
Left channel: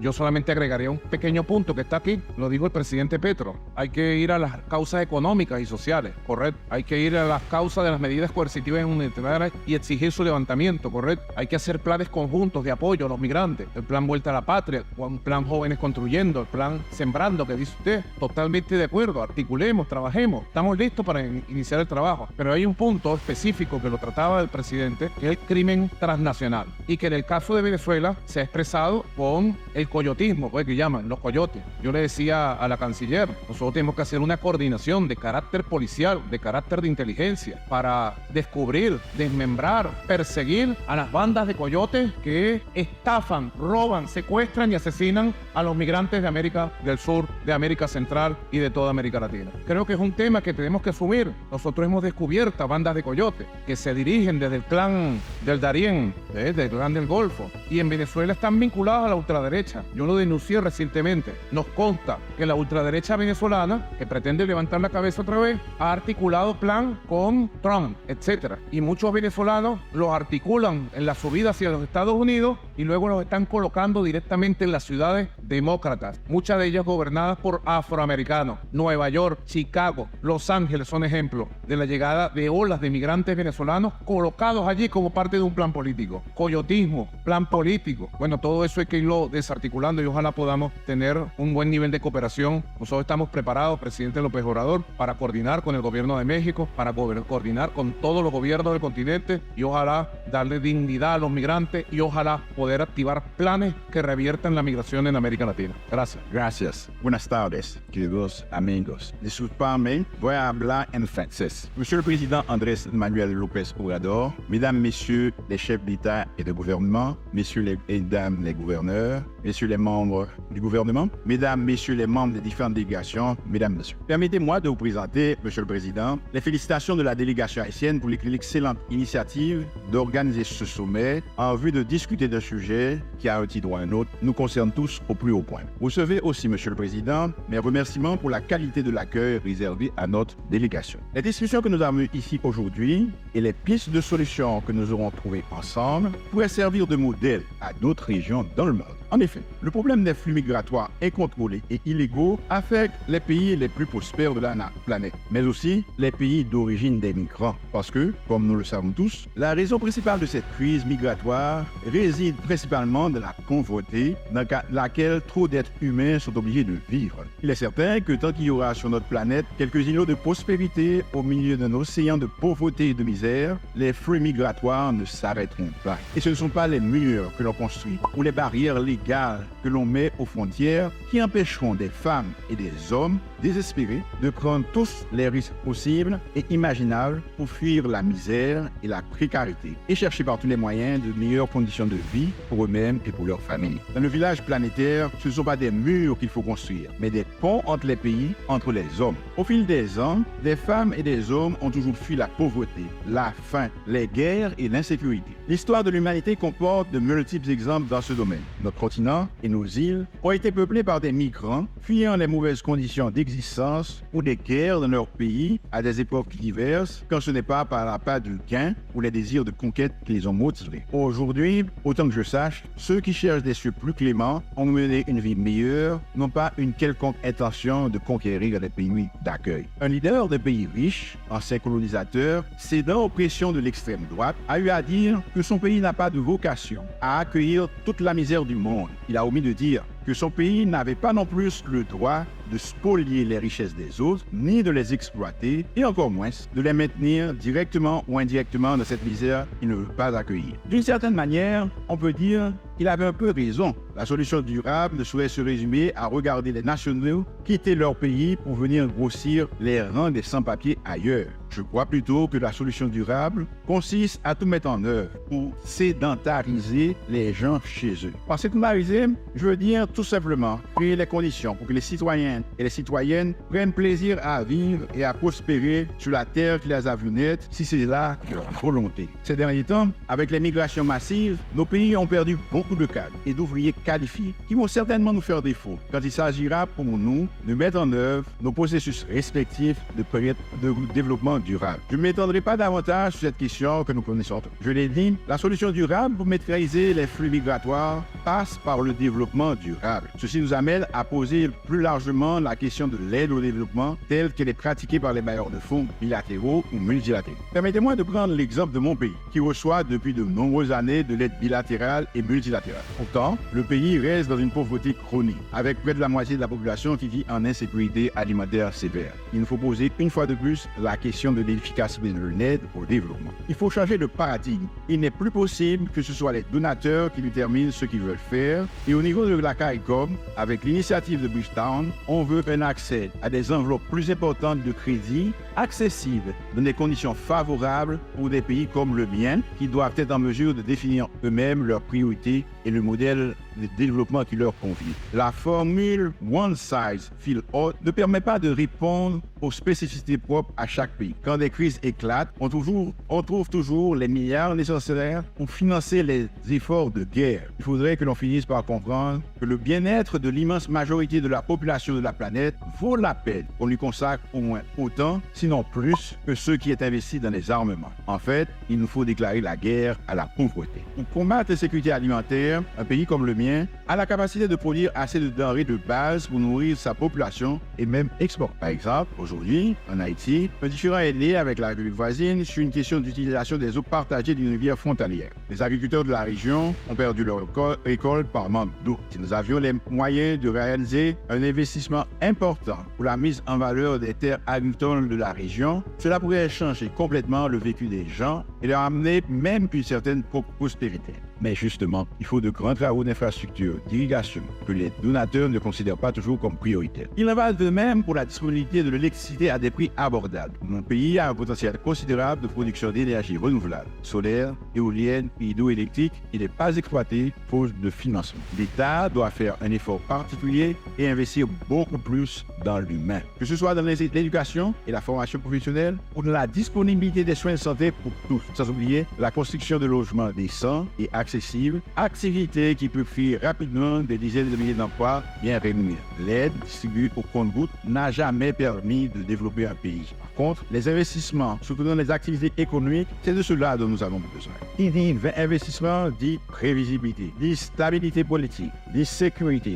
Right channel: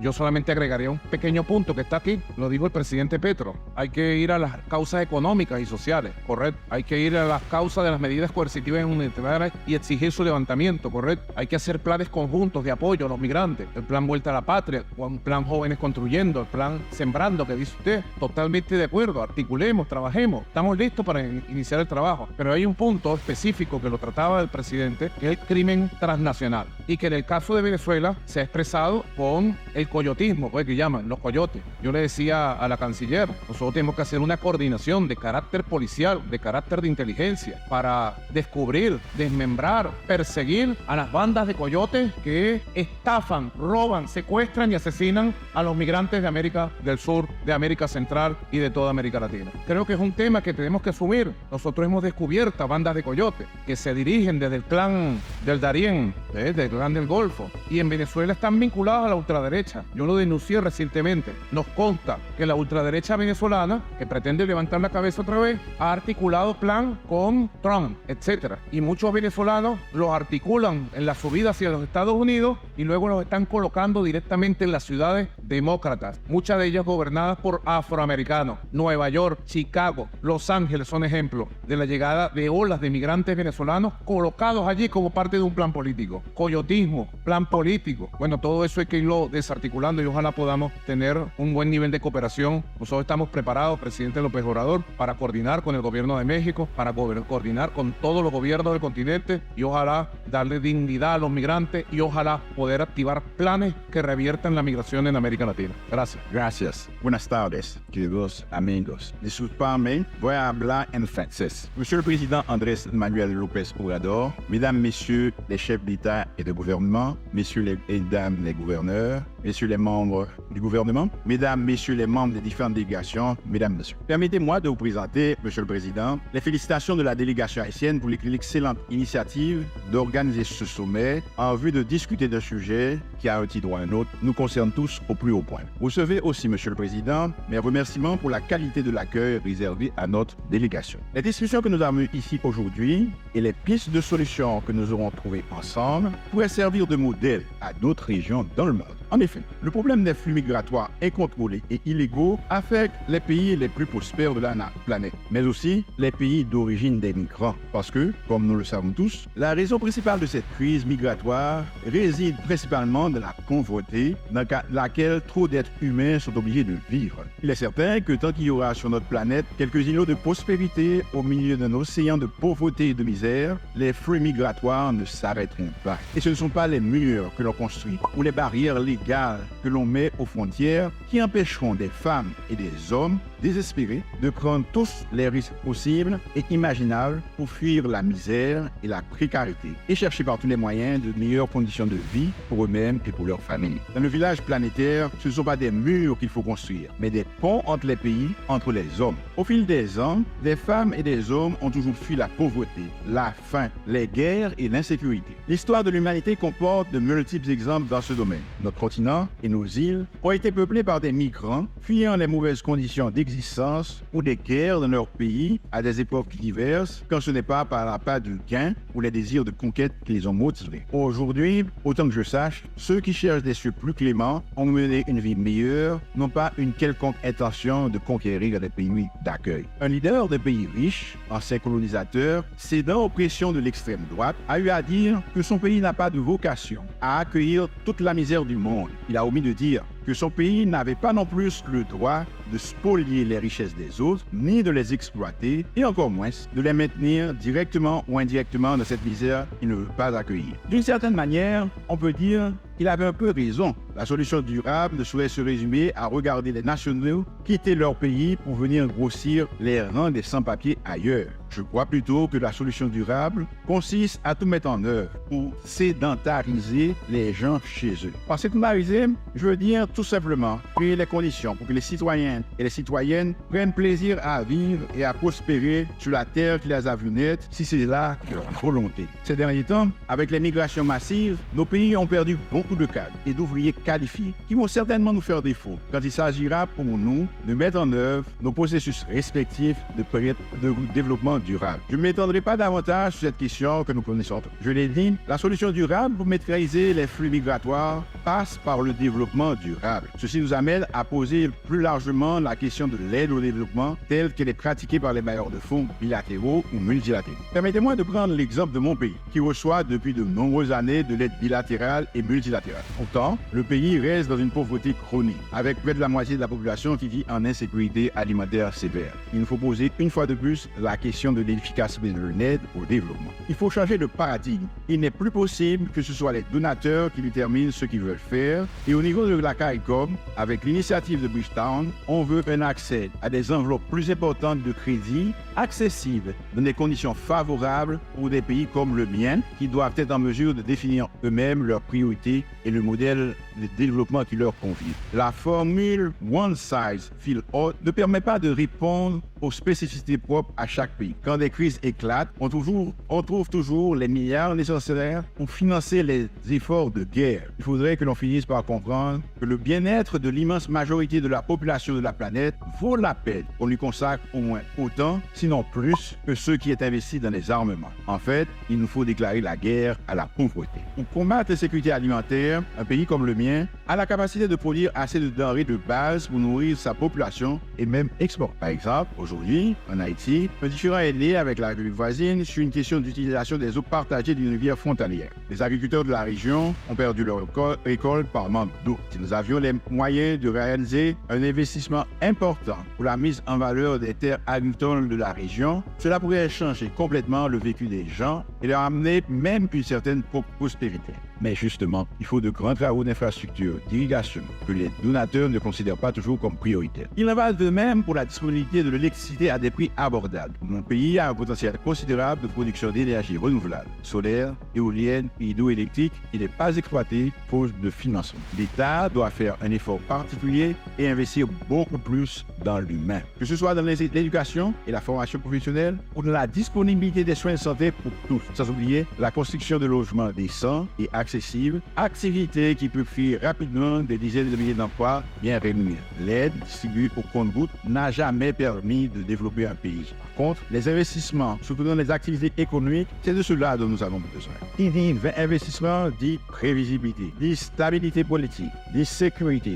Yo solamente agregaría un pequeño punto que está aquí. Lo dijo el presidente Petro. Hay que ir a las causas económicas y sociales, correcto. Hay que ir a las causas de las medidas coercitivas y humanitarias y exigir su levantamiento, correcto. Hay que hacer planes conjuntos de apoyo a los migrantes. El plan Vuelta a la Patria, o el plan Jóvenes Construyendo, el plan Sembrando, que dice usted. Totalmente de acuerdo. Articulemos, trabajemos. Estamos listos para iniciar el trabajo. Pero hay un punto específico que lo trataba el presidente, que es el crimen transnacional. Y que en el caso de Venezuela se ha expresado con el coyotismo, pues que llaman los coyotes. Yo le decía a la canciller, nosotros tenemos que hacer una coordinación de carácter policial, de carácter de inteligencia, para descubrir, desmembrar, perseguir a las bandas de coyotes que estafan, roban, secuestran y asesinan a los migrantes de América del Sur, de América Central y de toda América Latina. Creo que es un tema que tenemos que asumir. Nosotros hemos descubierto bandas de coyotes que se dirigen desde el clan del Darién, del clan del Golfo, y en Venezuela están vinculadas a la ultraderecha. Yo lo denuncié recientemente. Nos consta que la ultraderecha venezolana, que pretende levantar la cabeza otra vez, ha articulado plan con Trump, etc. Y muchos venezolanos los articulan en la subida hacia los Estados Unidos y luego los están colocando directamente en las ciudades demócratas, muchas de ellas gobernadas por afroamericanos. Nueva York, Chicago, Los Ángeles son ejemplos de la llegada de olas de migrantes venezolanos colocados allí como parte de un plan político. Coyotismo, plan político. Bueno, todo eso hay que irlo desarticulando y ojalá podamos tener un buen nivel de cooperación. Nosotros estamos preparados, presidente López Obrador, para coordinar con el gobierno de México, para coordinar con todos los gobiernos del continente y ojalá darle dignidad a los migrantes y ojalá poder activar planes que reviertan la migración en América Latina. Gracias. Gracias. Buenas tardes, queridos amigos. Disculpame, voy a hablar en francés. Monsieur le Président Andrés Manuel López Obrador, Mesdames, Messieurs les chefs d'État et de gouvernement, Messieurs et Dames les gouverneurs, Messieurs les membres du gouvernement, Mesdames, Messieurs les membres des différentes délégations, Mesdames, Messieurs. Permettez-moi de présenter, Monsieur le Président, les félicitations de la délégation haïtienne pour l'excellente initiative d'organiser ce sommet en vue de discuter d'un sujet qui, à un titre ou à un autre, nous concerne tous au plus haut point. Vous savez aussi, Monsieur le Président, mes remerciements pour la qualité de l'accueil réservé à notre délégation. La discussion que nous avons ici aujourd'hui et les pistes de solutions que nous aurons trouvées ensemble pourraient servir de modèle à d'autres régions dans le monde. En effet, le problème des flux migratoires incontrôlés et illégaux affecte les pays les plus prospères de la planète, mais aussi les pays d'origine des migrants. Parce que, comme nous le savons tous, la raison principale de cette crise migratoire réside principalement dans la pauvreté dans laquelle trop d'êtres humains sont obligés de vivre. Il est certain que tant qu'il y aura sur notre planète quelques îlots de prospérité au milieu d'un océan de pauvreté et de misère, les flux migratoires ne s'arrêteront pas. Et ce ne sont pas les murs que l'on construit ou les barrières légales que l'on met aux frontières qui empêcheront des femmes et des hommes désespérés de prendre tous les risques possibles et imaginables pour fuir la misère et la précarité et chercher par tous les moyens de meilleures conditions de vie pour eux-mêmes et pour leurs familles. Dans le village planétaire, ce ne sont pas des murs qu'il faut construire, mais des ponts entre les pays, entre les hommes. Au fil des ans, des femmes et des hommes ont toujours fui la pauvreté, la faim, les guerres et l'insécurité. L'histoire de l'humanité comporte de multiples exemples dans ce domaine. Notre continent et nos îles ont été peuplés par des migrants fuyant les mauvaises conditions d'existence ou des guerres dans leur pays à des époques diverses, quand ce n'est pas par l'appât du gain ou les désirs de conquête qui les ont motivés. Aujourd'hui, autant que je sache, ceux qui cherchent des cieux plus cléments ont mené une vie meilleure, n'ont pas une quelconque intention de conquérir des pays d'accueil. Un leader de pays riches, ancien colonisateur, cédant aux pressions de l'extrême droite, a eu à dire que son pays n'a pas de vocation à accueillir toute la misère du monde. Il a omis de dire que son pays n'avait pas non plus le droit de spolier les richesses des autres, ni de les exploiter, et encore moins de les maintenir directement ou indirectement dans cette misère qu'il ne veut pas accueillir. D'une certaine manière, on peut dire qu'il avait un peu raison. La solution durable ne saurait se résumer à regarder les nationaux quitter leur pays pour venir grossir les rangs des sans-papiers ailleurs. Je crois plutôt que la solution durable consiste à tout mettre en œuvre pour sédentariser les gens chez eux. Par sédentariser, je veux dire tout simplement créer les conditions pour que les citoyens et les citoyennes prennent plaisir à vivre et à prospérer sur la terre qui les a vus naître, si c'est là leur volonté. Ces derniers temps, avec les migrations massives, nos pays ont perdu beaucoup de cadres et d'ouvriers qualifiés qui vont certainement nous faire défaut quand il s'agira pour nous de mettre en œuvre nos processus respectifs de développement durable. Je ne m'étendrai pas davantage sur cette question que nous connaissons. Je l'ai dit, la solution durable pour maîtriser les flux migratoires passe par le développement durable. Ceci nous amène à poser plus largement la question de l'aide au développement telle qu'elle est pratiquée par les bailleurs de fonds bilatéraux ou multilatéraux. Permettez-moi de prendre l'exemple de mon pays, qui reçoit depuis de nombreuses années de l'aide bilatérale et multilatérale. Pourtant, le pays reste dans une pauvreté chronique, avec près de la moitié de la population qui vit en insécurité alimentaire sévère. Il nous faut poser une fois de plus la question de l'efficacité de l'aide au développement. Il faut changer de paradigme. Il n'est plus possible que ce soit les donateurs qui déterminent ce qu'ils veulent faire. Et au niveau de la CARICOM, avec l'initiative de Bridgetown, on veut un accès à des enveloppes plus importantes de crédit, accessibles dans des conditions favorables pour des pays comme le mien, qui doivent être en mesure de définir eux-mêmes leurs priorités et le modèle de développement qui leur convient. La formule One Size Fits All ne permet pas de répondre aux spécificités propres à chaque pays. Quand des crises éclatent, on trouve toujours les milliards nécessaires pour financer les efforts de guerre. Il faudrait que l'on finisse par comprendre que le bien-être de l'immense majorité de la population de la planète vaut la peine qu'on lui consacre au moins autant, sinon plus, que ceux qui est investi dans les armements. En fait, il nous faut déclarer la guerre à la pauvreté. Pour combattre la sécurité alimentaire, un pays comme le mien a la capacité de produire assez de denrées de base pour nourrir sa population et même exporter. Par exemple, aujourd'hui, en Haïti, le différend est né avec la République voisine sur une question d'utilisation des eaux partagées des rivières frontalières. Les agriculteurs de la région ont perdu leur récolte par manque d'eau. Si nous avions les moyens de réaliser un investissement important pour la mise en valeur des terres agricoles de la région, cela pourrait changer complètement le vécu des gens et leur amener même une certaine prospérité. Mais justement, il faut de grands travaux d'infrastructure, d'irrigation, que les donateurs ne considèrent pas toujours comme prioritaires. Il en va de même pour la disponibilité de l'électricité à des prix abordables. Un pays a un potentiel considérable de production d'énergie renouvelable, solaire, éolienne et hydroélectrique, il n'est pas exploité à cause de financement. L'État doit faire un effort particulier et investir beaucoup plus dans l'humain. Que ce soit dans l'éducation et la formation professionnelle ou dans la disponibilité des soins de santé pour tous, sans oublier la construction de logements décents et accessibles, activité qui peut créer rapidement des dizaines de milliers d'emplois bien rémunérés. L'aide distribuée au compte-gouttes n'a jamais permis de développer un pays. Par contre, les investissements, surtout dans les activités économiques, c'est de cela dont nous avons besoin. Qui dit investissement dit prévisibilité, dit stabilité politique, dit sécurité,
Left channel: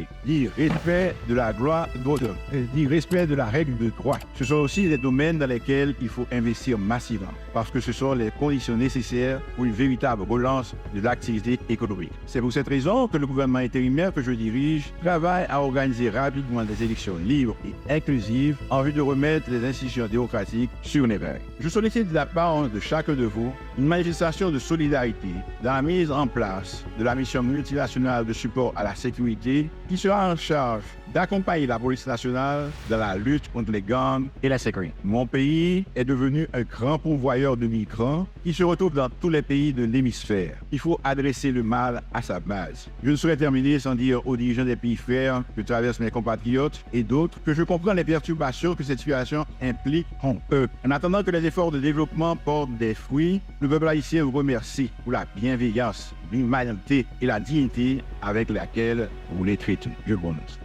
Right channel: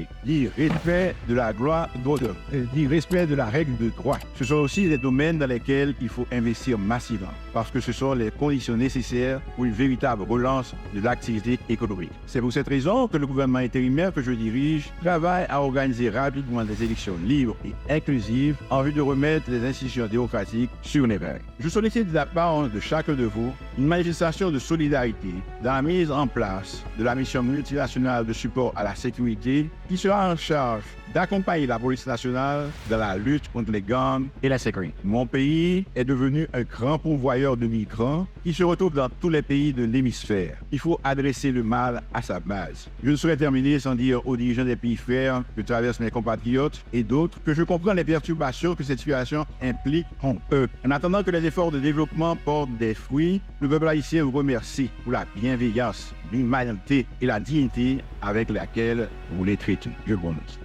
dit respect de la règle du droit. Ce sont aussi des domaines dans lesquels il faut investir massivement. Parce que ce sont les conditions nécessaires pour une véritable relance de l'activité économique. C'est pour cette raison que le gouvernement intérimaire que je dirige travaille à organiser rapidement des élections libres et inclusives en vue de remettre les institutions démocratiques sur les rails. Je sollicite de la part de chacun de vous une manifestation de solidarité dans la mise en place de la mission multinationale de support à la sécurité qui sera en charge d'accompagner la police nationale dans la lutte contre les gangs et la sécurité. Mon pays est devenu un grand pourvoyeur de migrants qui se retrouvent dans tous les pays de l'hémisphère. Il faut adresser le mal à sa base. Je ne saurais terminer sans dire aux dirigeants des pays frères que traversent mes compatriotes et d'autres que je comprends les perturbations que cette situation implique en eux. En attendant que les efforts de développement portent des fruits, le peuple haïtien vous remercie pour la bienveillance, l'humanité et la dignité avec laquelle vous les traitez. Je vous remercie.